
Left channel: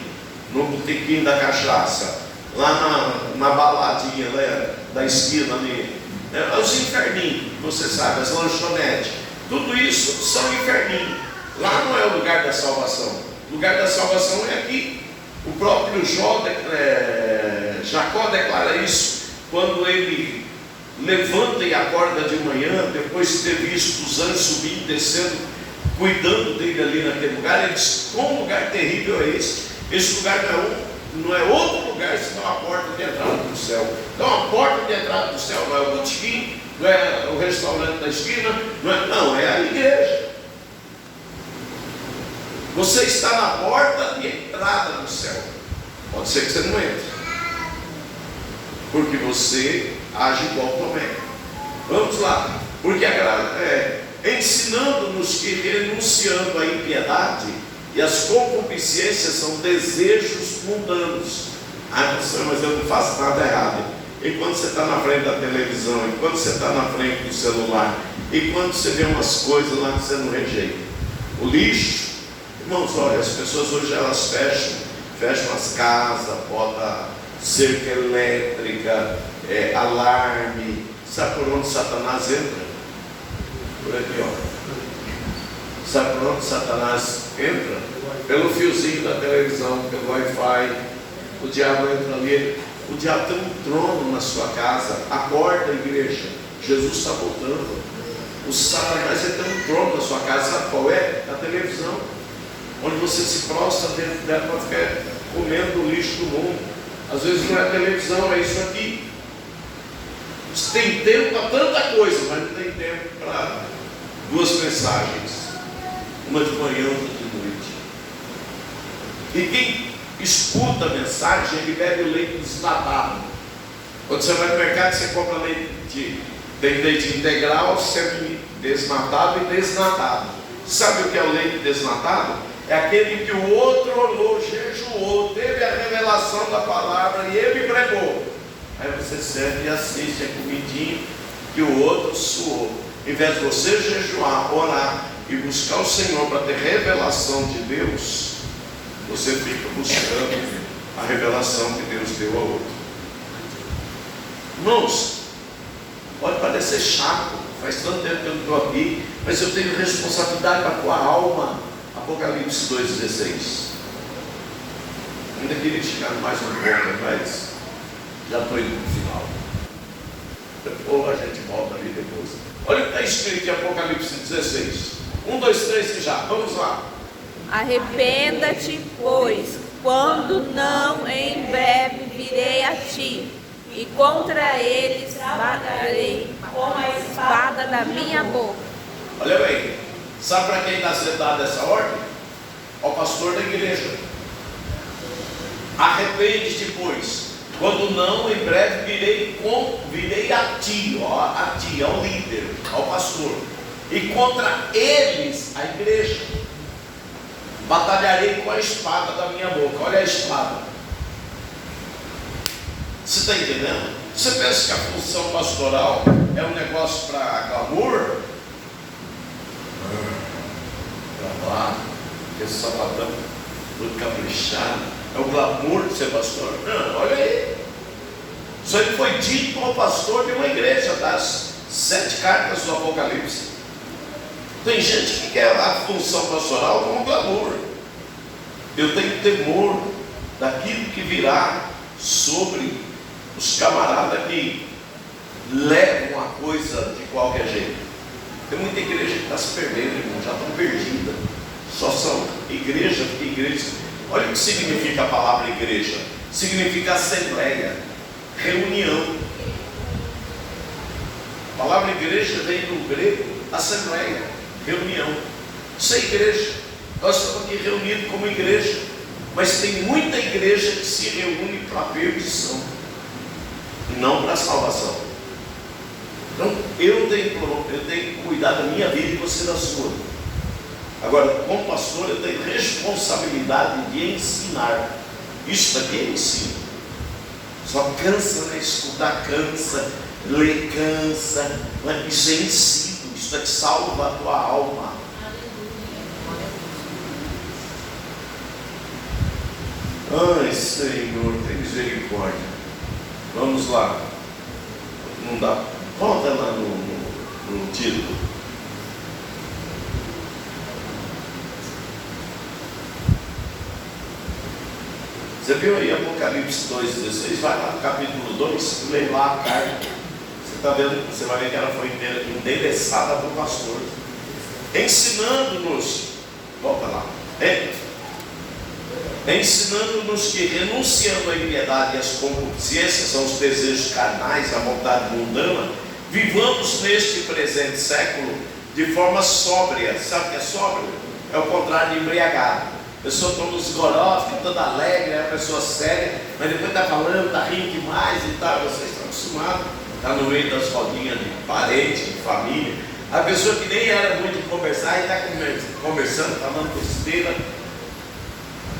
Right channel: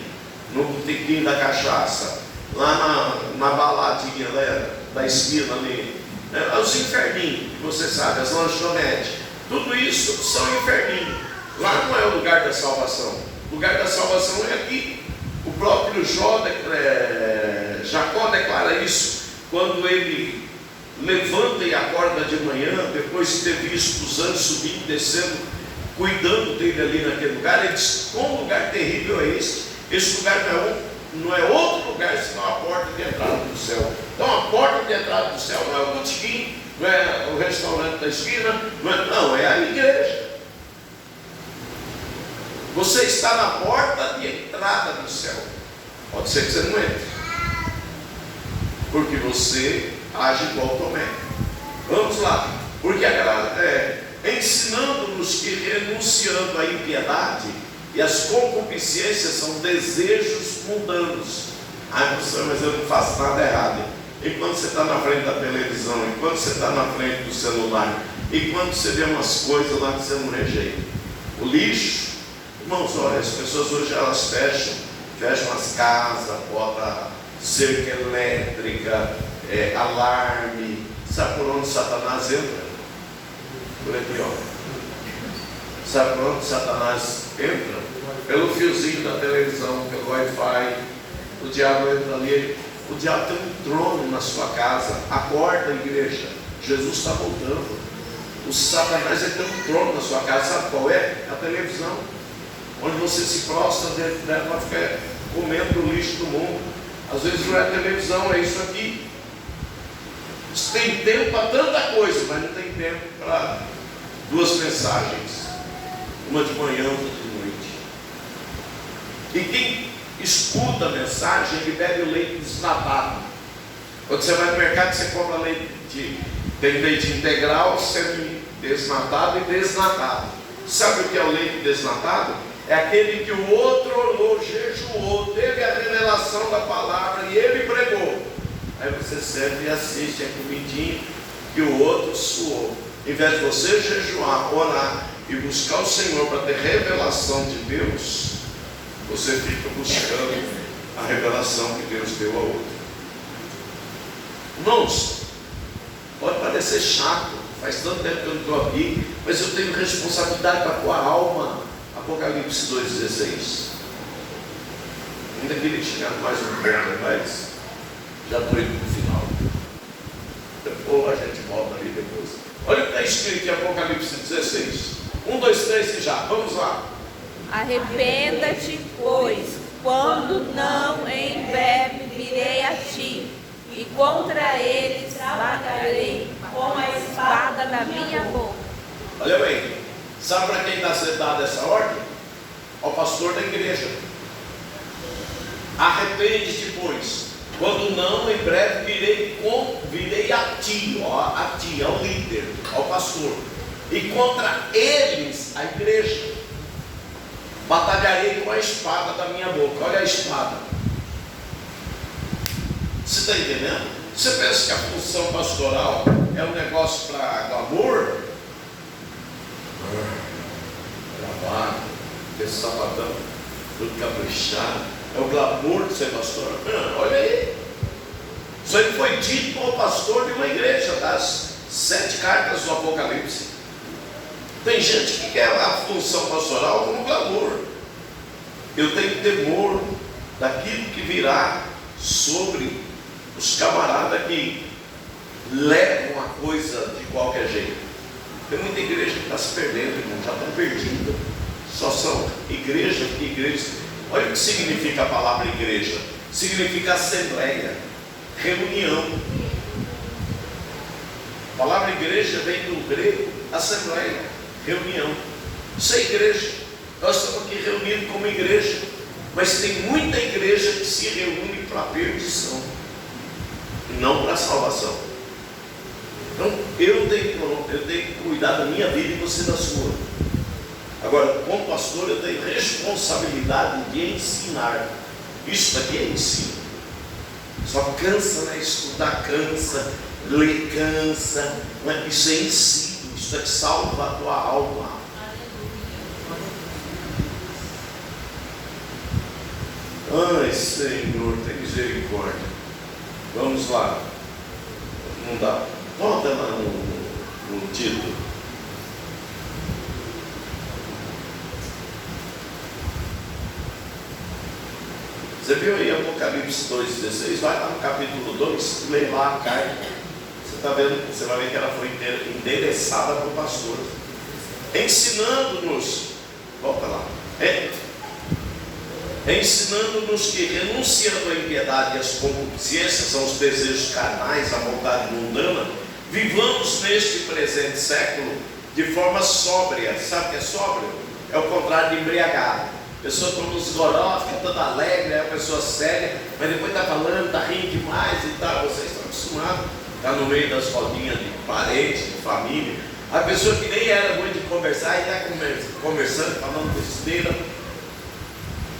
no botequinho da cachaça, lá na baladinha da esquina ali, os inferninhos, você sabe, as lanchonetes, tudo isso são inferninhos. Lá não é o lugar da salvação. O lugar da salvação é aqui. O próprio Jacó declara isso quando ele levanta e acorda de manhã, depois de ter visto os anjos subindo e descendo, cuidando dele ali naquele lugar. Ele diz: quão lugar terrível é esse? Esse lugar não é outro lugar senão a porta de entrada do céu. Então a porta de entrada do céu não é o botequim, não é o restaurante da esquina, não, é a igreja. Você está na porta de entrada do céu. Pode ser que você não entre, porque você age igual Tomé. Vamos lá. Porque ensinando-nos que renunciando à impiedade e às concupiscências são desejos mundanos. Mas eu não faço nada errado. E quando você está na frente da televisão, e quando você está na frente do celular, e quando você vê umas coisas lá que você não rejeita, o lixo, irmãos, olha, as pessoas hoje elas fecham as casas, botam cerca elétrica, alarme. Sabe por onde Satanás entra? Por aqui, ó. Sabe por onde Satanás entra? Pelo fiozinho da televisão, pelo Wi-Fi. O diabo entra ali. O diabo tem um trono na sua casa. Acorda, igreja, Jesus está voltando. O Satanás tem um trono na sua casa. Sabe qual é? A televisão, onde você se prostra dentro dela para ficar comendo o lixo do mundo. Às vezes não é a televisão, é isso aqui. Você tem tempo para tanta coisa, mas não tem tempo para duas mensagens, uma de manhã, outra de noite. E quem escuta a mensagem, ele bebe o leite desnatado. Quando você vai no mercado, você compra leite, tem leite integral, semi-desnatado e desnatado. Sabe o que é o leite desnatado? É aquele que o outro orou, jejuou, teve a revelação da palavra e ele pregou. Aí você serve e assiste a comidinha e o outro suou. Em vez de você jejuar, orar e buscar o Senhor para ter revelação de Deus, você fica buscando a revelação que Deus deu a outro. Irmãos, pode parecer chato, faz tanto tempo que eu não estou aqui, mas eu tenho responsabilidade com a tua alma. Apocalipse 2,16. Ainda queria chegar mais um pouco, mas já estou indo no final. Depois a gente volta ali depois. Olha o que está escrito em Apocalipse 16. 1, 2, 3 já. Vamos lá. Arrependa-te, pois, quando não em breve virei a ti, e contra eles batalhei com a espada da minha boca. Olha bem, sabe para quem está sendo dada essa ordem? Ao pastor da igreja. Arrepende-te, pois, quando não em breve virei a ti, ao líder, ao pastor, e contra eles, a igreja, batalharei com a espada da minha boca. Olha a espada. Você está entendendo? Você pensa que a função pastoral é um negócio para glamour? Gravado, aquele sapatão tudo caprichado, é o glamour de ser pastor? Não, olha aí. Isso aí foi dito ao pastor de uma igreja das 7 cartas do Apocalipse. Tem gente que quer a função pastoral como glamour. Eu tenho temor daquilo que virá sobre os camaradas que levam a coisa de qualquer jeito. Tem muita igreja que está se perdendo, irmão, já estão perdida. Só são igreja, porque igreja. Olha o que significa a palavra igreja. Significa assembleia, reunião. A palavra igreja vem do grego assembleia, reunião. Isso é igreja. Nós estamos aqui reunidos como igreja, mas tem muita igreja que se reúne para a perdição, não para a salvação. Então eu tenho que cuidar da minha vida e você da sua. Agora, como pastor, eu tenho responsabilidade de ensinar. Isso daqui é ensino. Só cansa, né? Estudar cansa, ler cansa. Isso é ensino. Isso é que salva a tua alma. Ai, Senhor, tem misericórdia. Vamos lá. Não dá. Volta lá no título. Você viu aí Apocalipse 2,16? Vai lá no capítulo 2, lê lá a carta. Você está vendo? Você vai ver que ela foi endereçada por pastor, ensinando-nos. Volta lá. Ensinando-nos que, renunciando à impiedade e às concupiscências, são os desejos carnais, a vontade mundana, vivamos neste presente século de forma sóbria. Sabe o que é sóbrio? É o contrário de embriagado. A pessoa toma uns goró, fica toda alegre, é uma pessoa séria, mas depois está falando, está rindo demais e tal. Vocês estão acostumados está no meio das rodinhas de parente, de família. A pessoa que nem era muito de conversar e está conversando, falando besteira,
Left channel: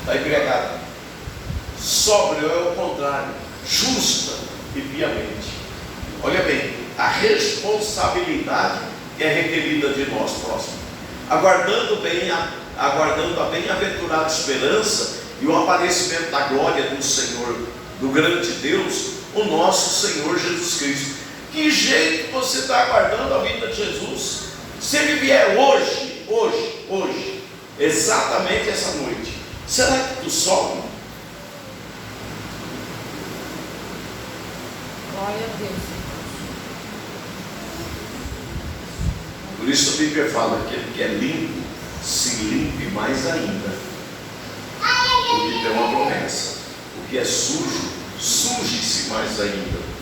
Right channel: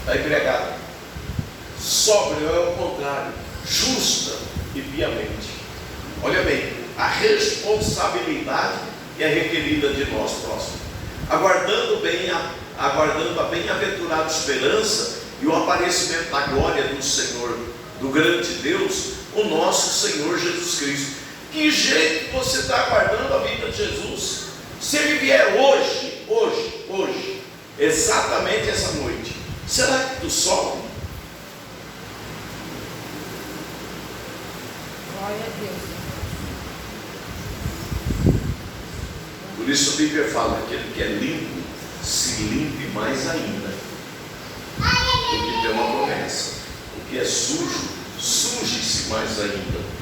está embriagada. Sóbrio é o contrário, justa e piamente. Olha bem, a responsabilidade que é requerida de nós próximos, aguardando a bem-aventurada esperança e o aparecimento da glória do Senhor, do grande Deus, o nosso Senhor Jesus Cristo. Que jeito você está aguardando a vinda de Jesus? Se Ele vier hoje, exatamente essa noite, será que tu sobe? Glória a Deus. Por isso a Bíblia fala que aquele que é limpo, se limpe mais ainda. Porque tem uma promessa. O que é sujo, suje-se mais ainda.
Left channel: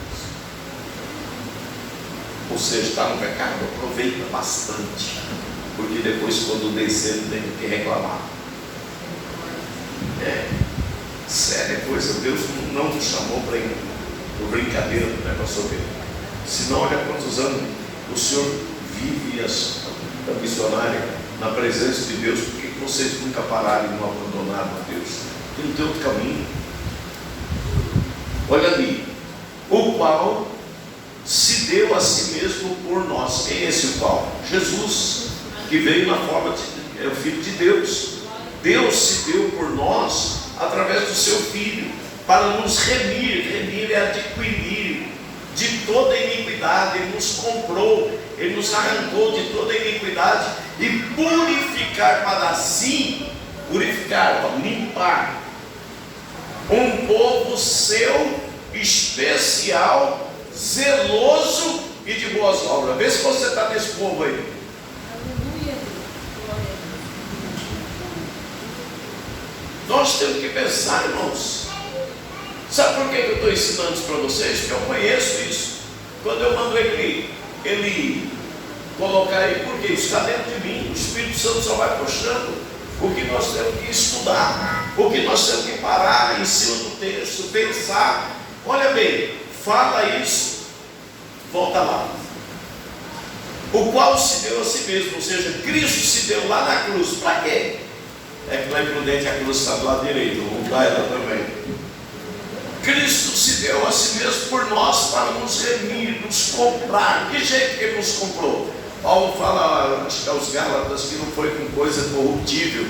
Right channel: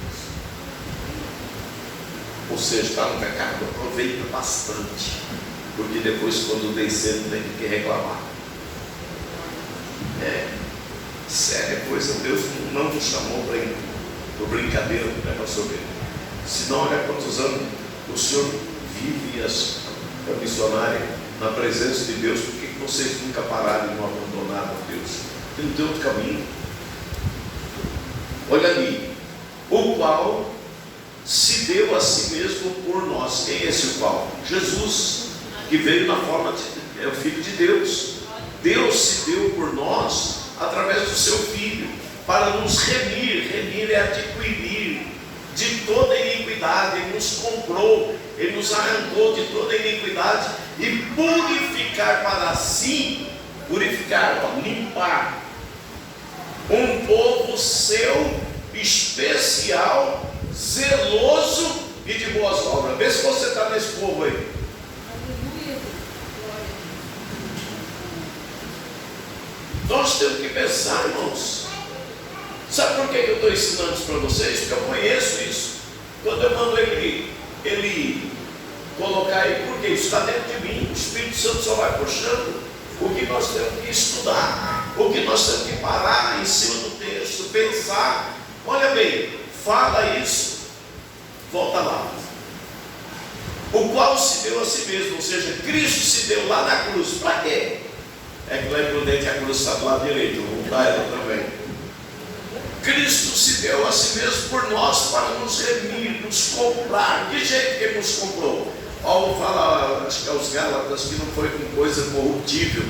Ou seja, está no pecado, aproveita bastante. Porque depois, quando descer, não tem que reclamar. Séria coisa, Deus não nos chamou para brincadeira, né, pastor Bem? Senão, olha quantos anos o Senhor vive a missionária na presença de Deus. Por que vocês nunca pararam e não abandonaram a Deus? Tem um outro caminho. Olha ali, o qual se deu a si mesmo por nós. Quem é esse o qual? Jesus, que veio na forma é o Filho de Deus. Deus se deu por nós através do seu Filho, para nos remir é adquirir de toda iniquidade. Ele nos comprou, Ele nos arrancou de toda iniquidade e purificar para si, limpar um povo seu, especial, zeloso e de boas obras. Vê se você está nesse povo aí. Nós temos que pensar, irmãos. Sabe por que eu estou ensinando isso para vocês? Porque eu conheço isso. Quando eu mando ele colocar aí, porque isso está dentro de mim, o Espírito Santo só vai puxando o que nós temos que estudar, o que nós temos que parar em cima do texto, pensar. Olha bem, fala isso, volta lá. O qual se deu a si mesmo, ou seja, Cristo se deu lá na cruz. Para quê? É que lá em Prudente a cruz está do lado direito, vamos dar ela também. Cristo se deu a si mesmo por nós, para nos remir, nos comprar. Que jeito que Ele nos comprou? Paulo fala, acho que aos Gálatas, que não foi com coisa corruptível,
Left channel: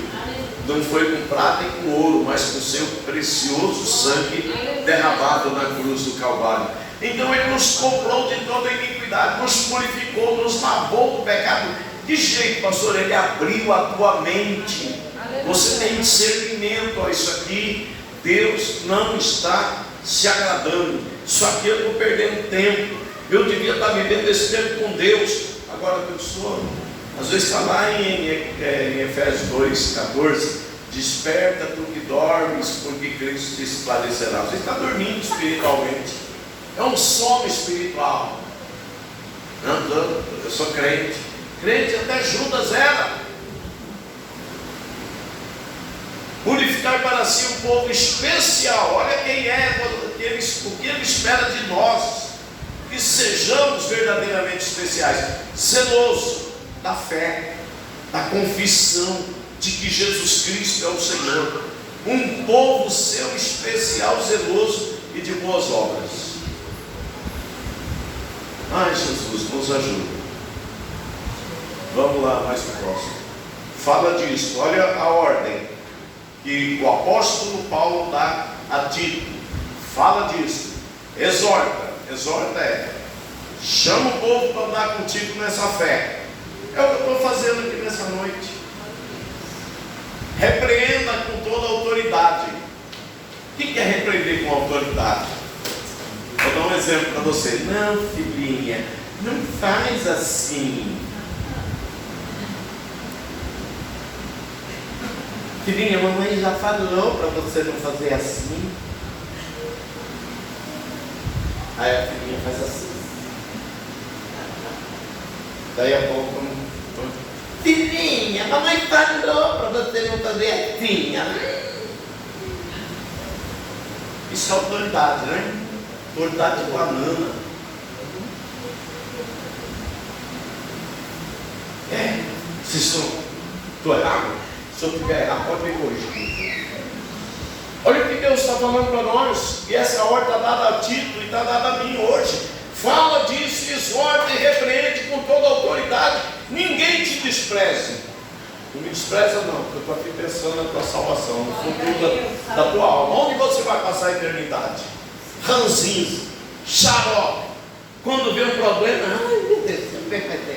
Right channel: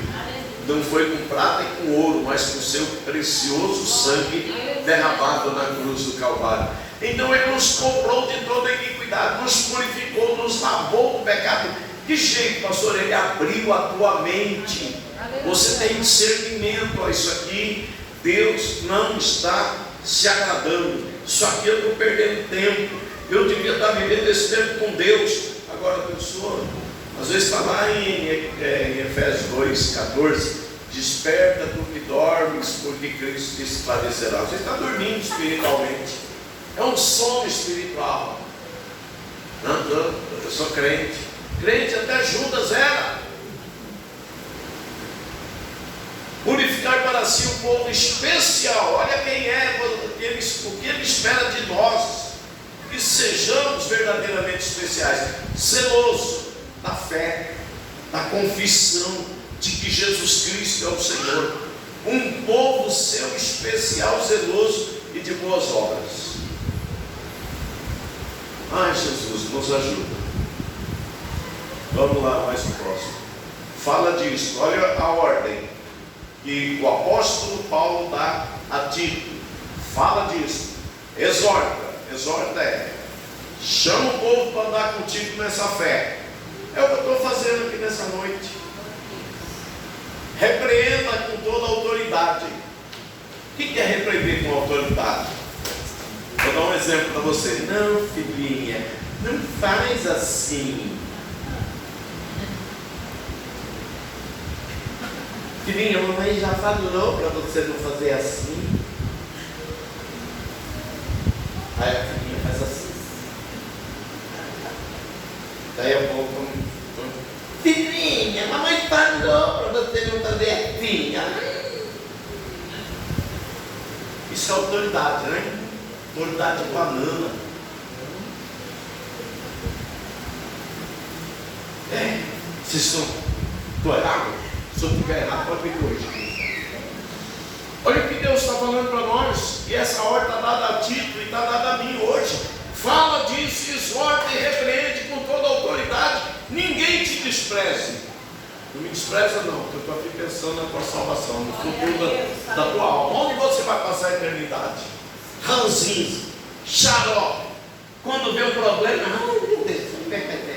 não foi com prata e com ouro, mas com seu precioso sangue derramado na cruz do Calvário. Então Ele nos comprou de toda iniquidade, nos purificou, nos lavou do pecado. Que jeito, pastor? Ele abriu a tua mente. Você tem discernimento a isso aqui. Deus não está se agradando. Isso aqui eu estou perdendo tempo. Eu devia estar vivendo esse tempo com Deus. Agora a pessoa, às vezes está lá em Efésios 2,14: desperta tu que dormes, porque Cristo te esclarecerá. Você está dormindo espiritualmente. É um sono espiritual. Não, eu sou crente. Crente até Judas era. Purificar para si um povo especial. Olha quem é, o que Ele espera de nós. Que sejamos verdadeiramente especiais. Zeloso da fé, da confissão de que Jesus Cristo é o Senhor. Um povo seu especial, zeloso e de boas obras. Ai, Jesus, nos ajuda. Vamos lá, mais pro próximo. Fala disso, olha a ordem que o apóstolo Paulo dá a Tito. Fala disso, exorta chama o povo para andar contigo nessa fé. É o que eu estou fazendo aqui nessa noite. Repreenda com toda a autoridade. O que é repreender com autoridade? Vou dar um exemplo para você. Não, filhinha, não faz assim. Filhinha, a mamãe já falou para você não fazer assim. Aí a filhinha faz assim. Daí a pouco, filhinha, a mamãe falou para você não fazer assim. Isso é autoridade, né? Autoridade banana. Estou errado? Se eu estiver errado, pode me corrigir. Olha o que Deus está falando para nós. E essa ordem está dada a Tito e está dada a mim hoje. Fala disso, exorta e repreende com toda a autoridade. Ninguém te despreze. Não me despreza não, porque eu estou aqui pensando na tua salvação, no futuro da tua alma. Onde você vai passar a eternidade? Ranzinho, xarope. Quando vê um problema, ai meu Deus, como é que vai ter?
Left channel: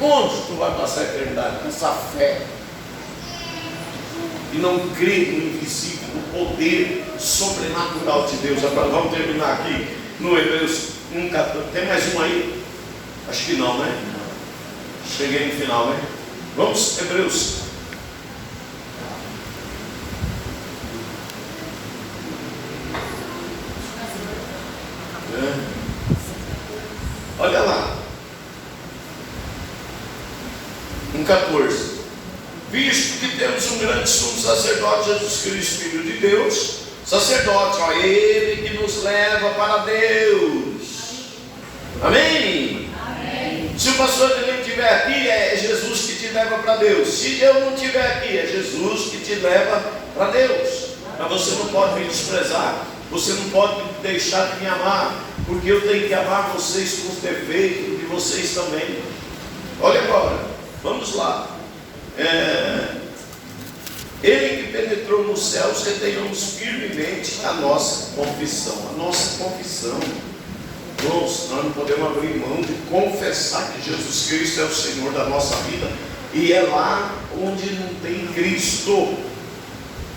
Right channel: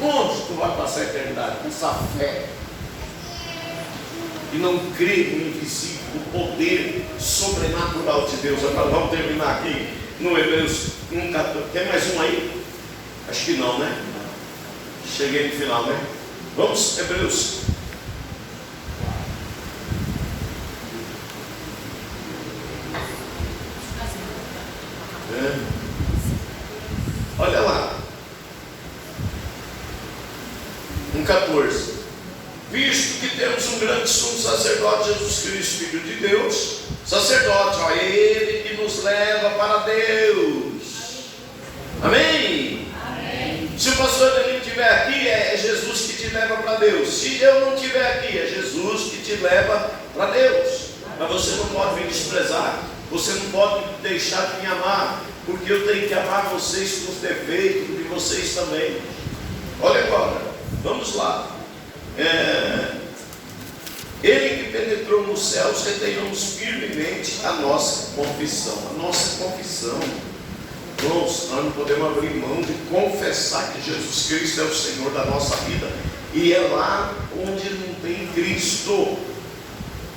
Onde tu vai passar a eternidade? Com essa fé. E não crê no invisível, no poder sobrenatural de Deus. Agora vamos terminar aqui no Hebreus 1,14. Tem mais um aí? Acho que não, né? Cheguei no final, né? Vamos, Hebreus. Olha lá. 1,14. Visto que temos um grande sumo sacerdote, Jesus Cristo, Filho de Deus, sacerdote, ó, Ele que nos leva para Deus. Amém? Amém. Se o pastor Danilo estiver aqui, é Jesus que te leva para Deus. Se eu não estiver aqui, é Jesus que te leva para Deus. Mas você não pode me desprezar, você não pode deixar de me amar, porque eu tenho que amar vocês com os defeitos de vocês também. Olha agora, vamos lá. Ele que penetrou nos céus, retenhamos firmemente a nossa confissão. A nossa confissão. Nós não podemos abrir mão de confessar que Jesus Cristo é o Senhor da nossa vida. E é lá onde não tem Cristo.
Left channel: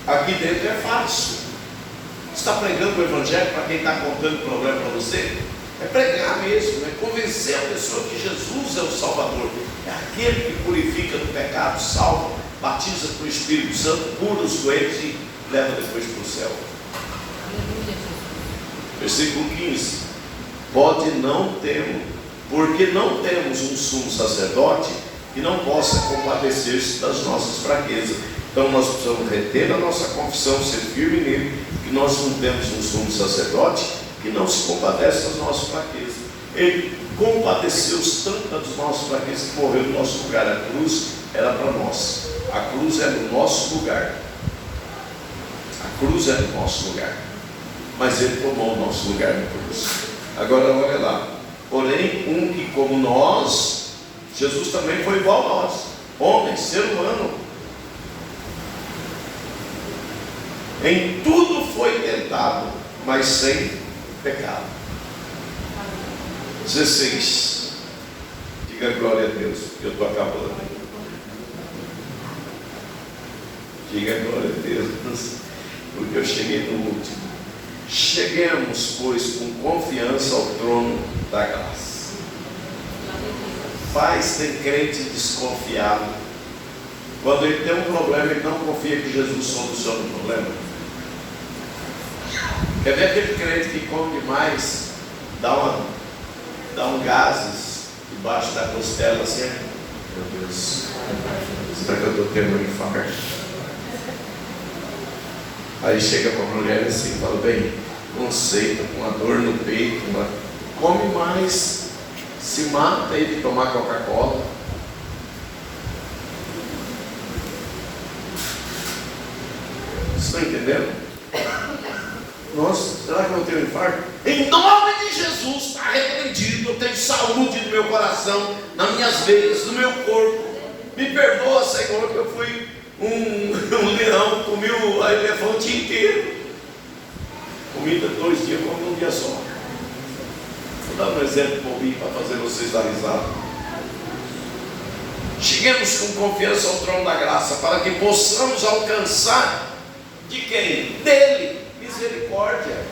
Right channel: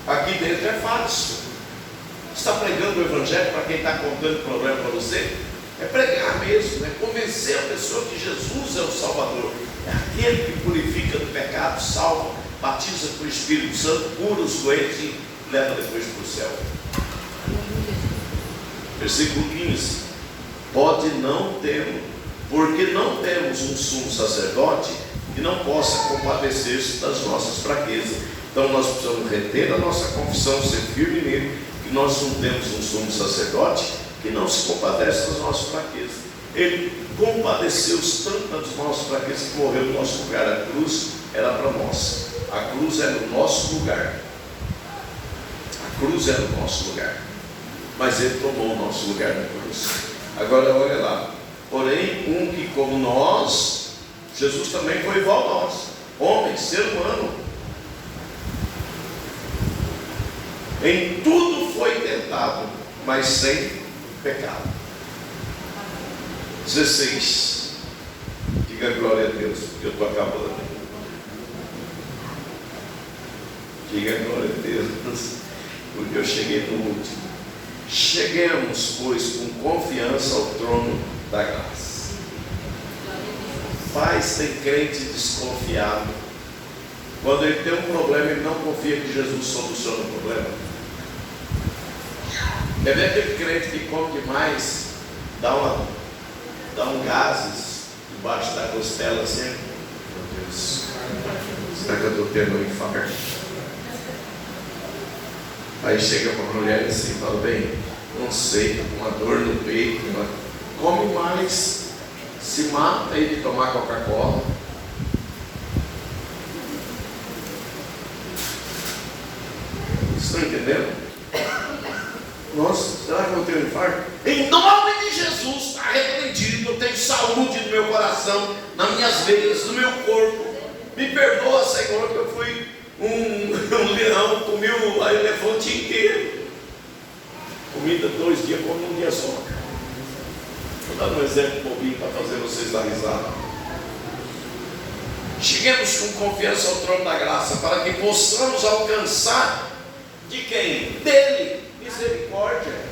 Aqui dentro é fácil. Está pregando o Evangelho para quem está contando problema para você? É pregar mesmo, é convencer a pessoa que Jesus é o Salvador. É aquele que purifica do pecado, salva, batiza com o Espírito Santo, cura os doentes e leva depois para o céu. Versículo 15. Pode não termos, porque não temos um sumo sacerdote que não possa compadecer-se das nossas fraquezas. Então nós precisamos reter a nossa confissão, ser firme nele, que nós não temos um sumo sacerdote que não se compadece das nossas fraquezas. Ele compadeceu-se tanto das nossas fraquezas que morreu no nosso lugar. A cruz era para nós. A cruz é no nosso lugar. A cruz é no nosso lugar. Mas ele tomou o nosso lugar na cruz. Agora olha lá. Porém, um que como nós, Jesus também foi igual a nós. Homem, ser humano. Em tudo foi tentado, mas sem pecado. 16. Diga glória a Deus, porque eu estou acabando. Diga glória a Deus, porque eu cheguei no último. Cheguemos, pois, com confiança ao trono da graça. Paz tem crente desconfiado. Quando ele tem um problema, ele não confia que Jesus soluciona o problema. Quer ver aquele crente que come demais, dá um gases debaixo da costela assim? Meu Deus, será que eu estou tendo um infarto? Aí chega para a mulher assim, fala, bem, conceito, com uma dor no peito, come mais, se mata aí de tomar Coca-Cola. Vocês estão entendendo? Nossa, será que eu tenho um infarto? Em nome de Jesus, está repreendido. Eu tenho saúde no meu coração, nas minhas veias, no meu corpo. Me perdoa, Senhor, que eu fui um leão, comi o elefante inteiro. Comida 2 dias, como um dia só. Vou dar um exemplo bobinho para fazer vocês dar risada. Cheguemos com confiança ao trono da graça, para que possamos alcançar de quem? Dele. Misericórdia.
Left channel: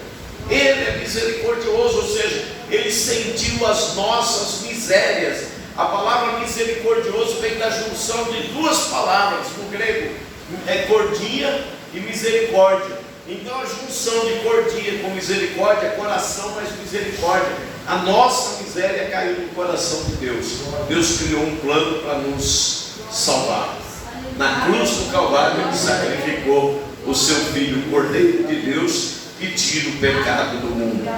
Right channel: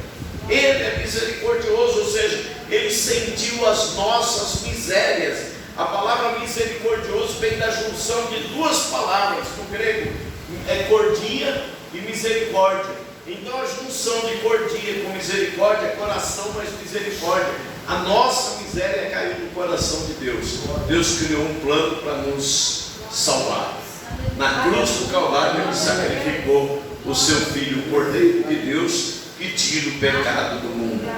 Ele é misericordioso, ou seja, ele sentiu as nossas misérias. A palavra misericordioso vem da junção de duas palavras no grego, é cordia e misericórdia. Então a junção de cordia com misericórdia é coração mais misericórdia. A nossa miséria caiu no coração de Deus. Deus criou um plano para nos salvar. Na cruz do Calvário ele sacrificou o seu Filho, o Cordeiro de Deus, que tira o pecado do mundo.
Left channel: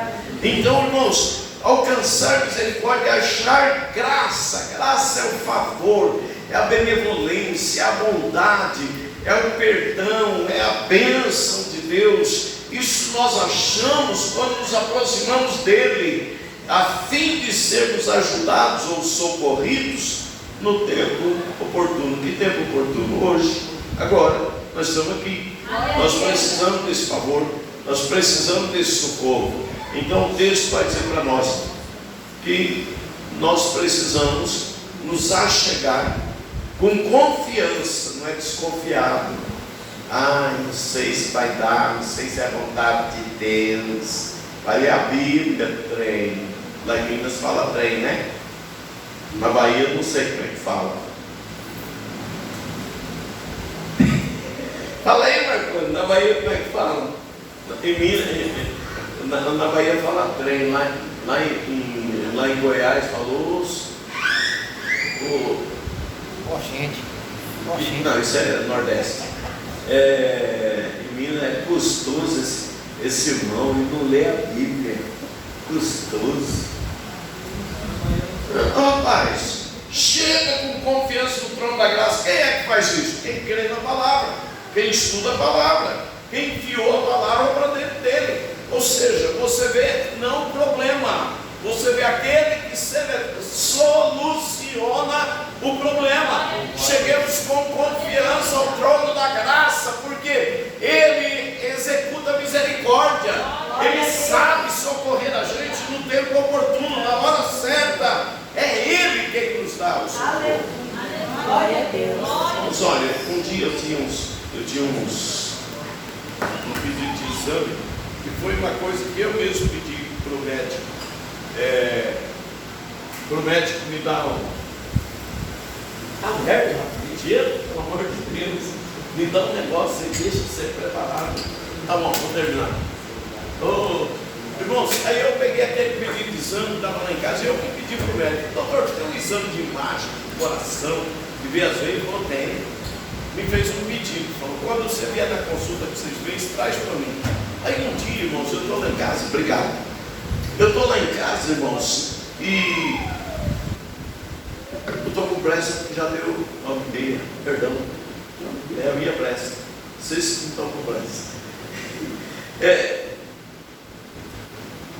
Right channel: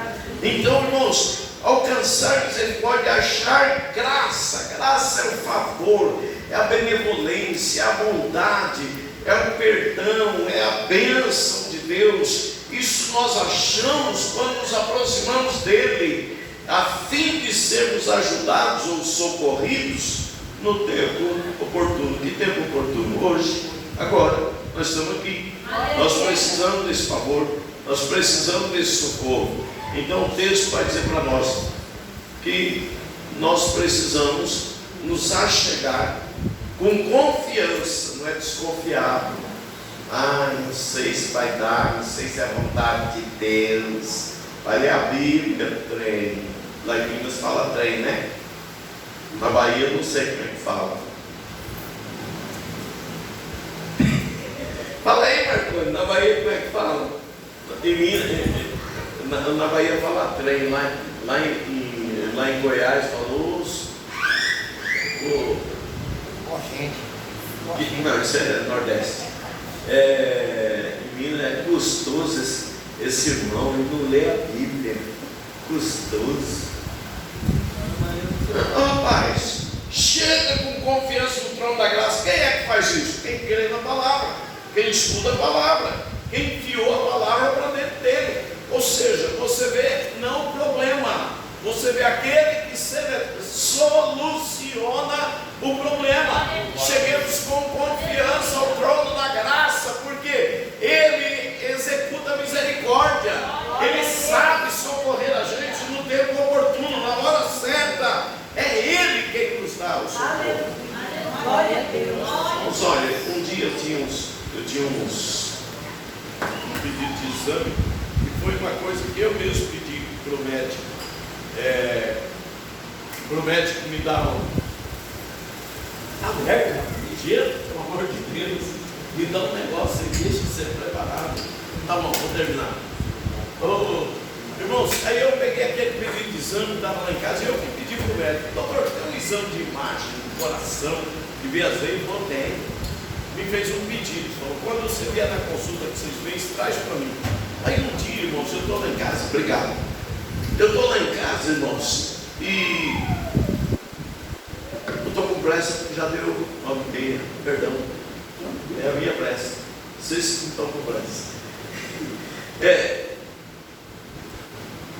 Então, irmãos, alcançar misericórdia, achar graça. Graça é o favor, é a benevolência, é a bondade, é o perdão, é a bênção de Deus. Isso nós achamos quando nos aproximamos dele, a fim de sermos ajudados ou socorridos no tempo oportuno. Que tempo oportuno? Hoje, agora, nós estamos aqui. Nós precisamos desse favor, nós precisamos desse socorro. Então o texto vai dizer para nós que nós precisamos nos achegar com confiança, não é desconfiado. Não sei se vai dar, não sei se é a vontade de Deus. Vai ler a Bíblia, trem. Lá em Minas fala trem, né? Na Bahia eu não sei como é que fala. Fala aí, Marconi, na Bahia como é que fala? Em Minas, na Bahia fala trem, lá em Goiás falou não, isso é Nordeste. Em Minas é custoso esse irmão, ele não lê a Bíblia. Custoso. Rapaz, chega com confiança no trono da graça. Quem é que faz isso? Quem crê na palavra, quem estuda a palavra, quem enfiou a palavra para dentro dele. Ou seja, você vê não o problema, você vê aquele que soluciona o problema. Cheguemos com confiança ao trono da graça, porque ele executa misericórdia, ele sabe socorrer a gente no tempo oportuno, na hora certa. É ele quem nos dá o socorro. Glória a Deus. Mas olha, um dia eu tinha um pedido de exame, e foi uma coisa que eu mesmo pedi para o médico. Para o médico me dar mentira, pelo amor de Deus, me dá um negócio aí, deixa de ser preparado. Tá bom, vou terminar. Irmãos, aí eu peguei aquele pedido de exame que estava lá em casa, e eu que pedi para o médico: doutor, tem um exame de imagem do coração, de ver as veias? Ele falou: tem. Me fez um pedido, falou: quando você vier na consulta que vocês veem, traz para mim. Aí um dia, irmãos, eu estou lá em casa, obrigado. Eu estou lá em casa, irmãos, e eu estou com pressa, porque já deu perdão, é a minha pressa. Vocês que estão com pressa.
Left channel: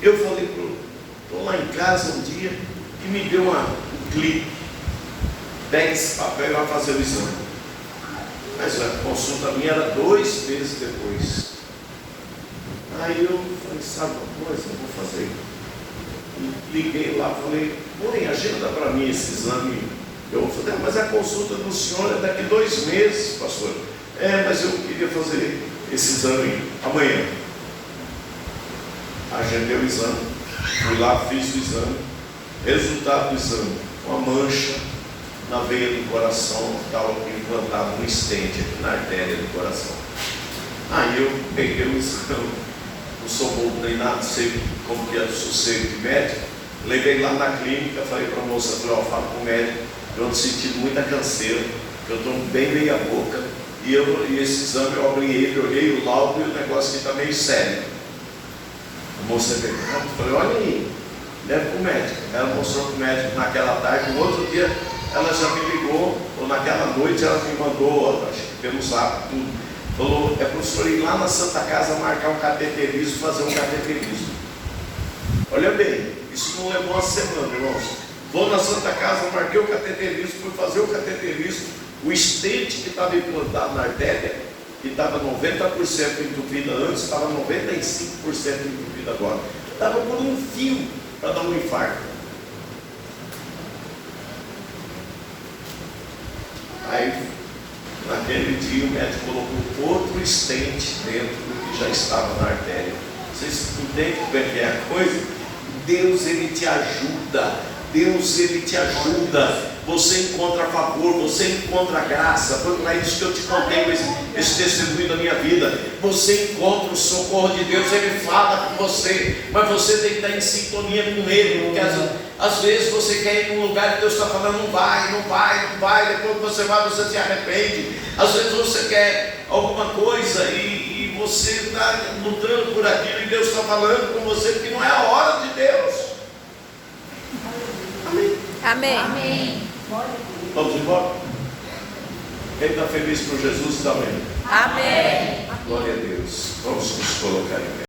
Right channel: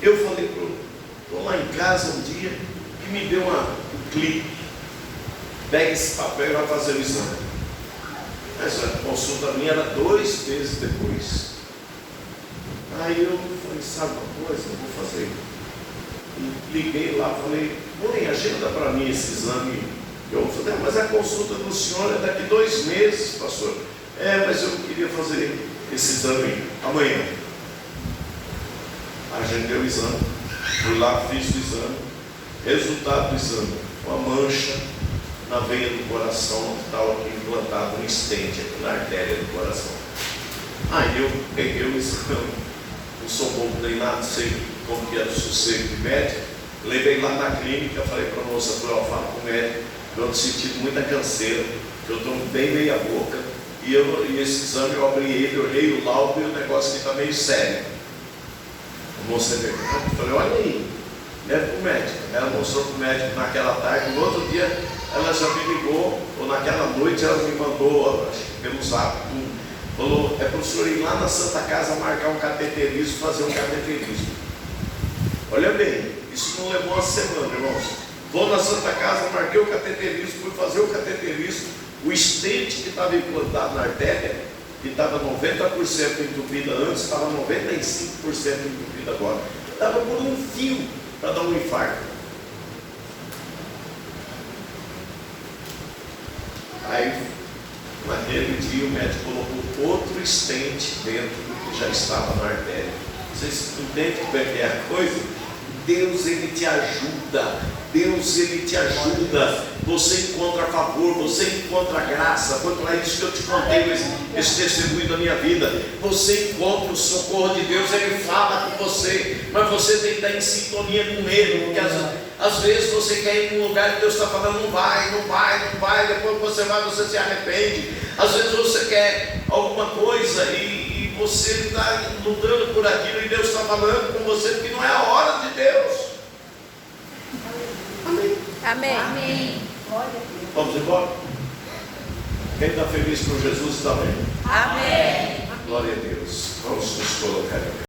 Eu falei, estou lá em casa um dia, e me deu um clique: pega esse papel e vai fazer o exame. Mas a consulta minha era 2 meses depois. Aí eu falei: sabe uma coisa, eu vou fazer. E liguei lá, falei: põe, agenda para mim esse exame. Eu falei: mas a consulta do senhor é daqui 2 meses, pastor. Mas eu queria fazer esse exame amanhã. Agendei o exame, fui lá, fiz o exame. Resultado do exame: uma mancha na veia do coração, que estava implantado um stent aqui na artéria do coração. Aí eu peguei o exame, não sou bom nem nada, sei como que é do sossego de médico. Levei lá na clínica, falei para a moça: fala com o médico, eu ando sentindo muita canseira, que eu estou bem meia boca, e esse exame eu abri ele, olhei o laudo, e o negócio aqui está meio sério. A moça veio, eu falei: olha aí, leva para o médico. Ela mostrou para o médico naquela tarde. No outro dia ela já me ligou, ou naquela noite ela me mandou, acho que pelo zap, tudo. Falou: é para o senhor ir lá na Santa Casa marcar um cateterismo, fazer um cateterismo. Olha bem, isso não levou uma semana, irmãos. Vou na Santa Casa, marquei o cateterismo, fui fazer o cateterismo. O stent que estava implantado na artéria, que estava 90% entupida antes, estava 95% entupida agora. Estava por um fio para dar um infarto. Aí, naquele dia, o médico colocou outro stent dentro do que já estava na artéria. Vocês entendem como é que é a coisa? Deus, ele te ajuda. Deus, ele te ajuda. Você encontra favor, você encontra graça. Foi para isso que eu te contei esse testemunho da minha vida. Você encontra o socorro de Deus, ele fala com você, mas você tem que estar em sintonia com ele, porque às vezes você quer ir num lugar que Deus está falando: não vai, depois que você vai, você se arrepende. Às vezes você quer alguma coisa e você está lutando por aquilo, e Deus está falando com você, porque não é a hora de Deus. Amém. Amém. Vamos embora? Quem está feliz com Jesus também. Amém. Glória a Deus. Vamos nos colocar em pé.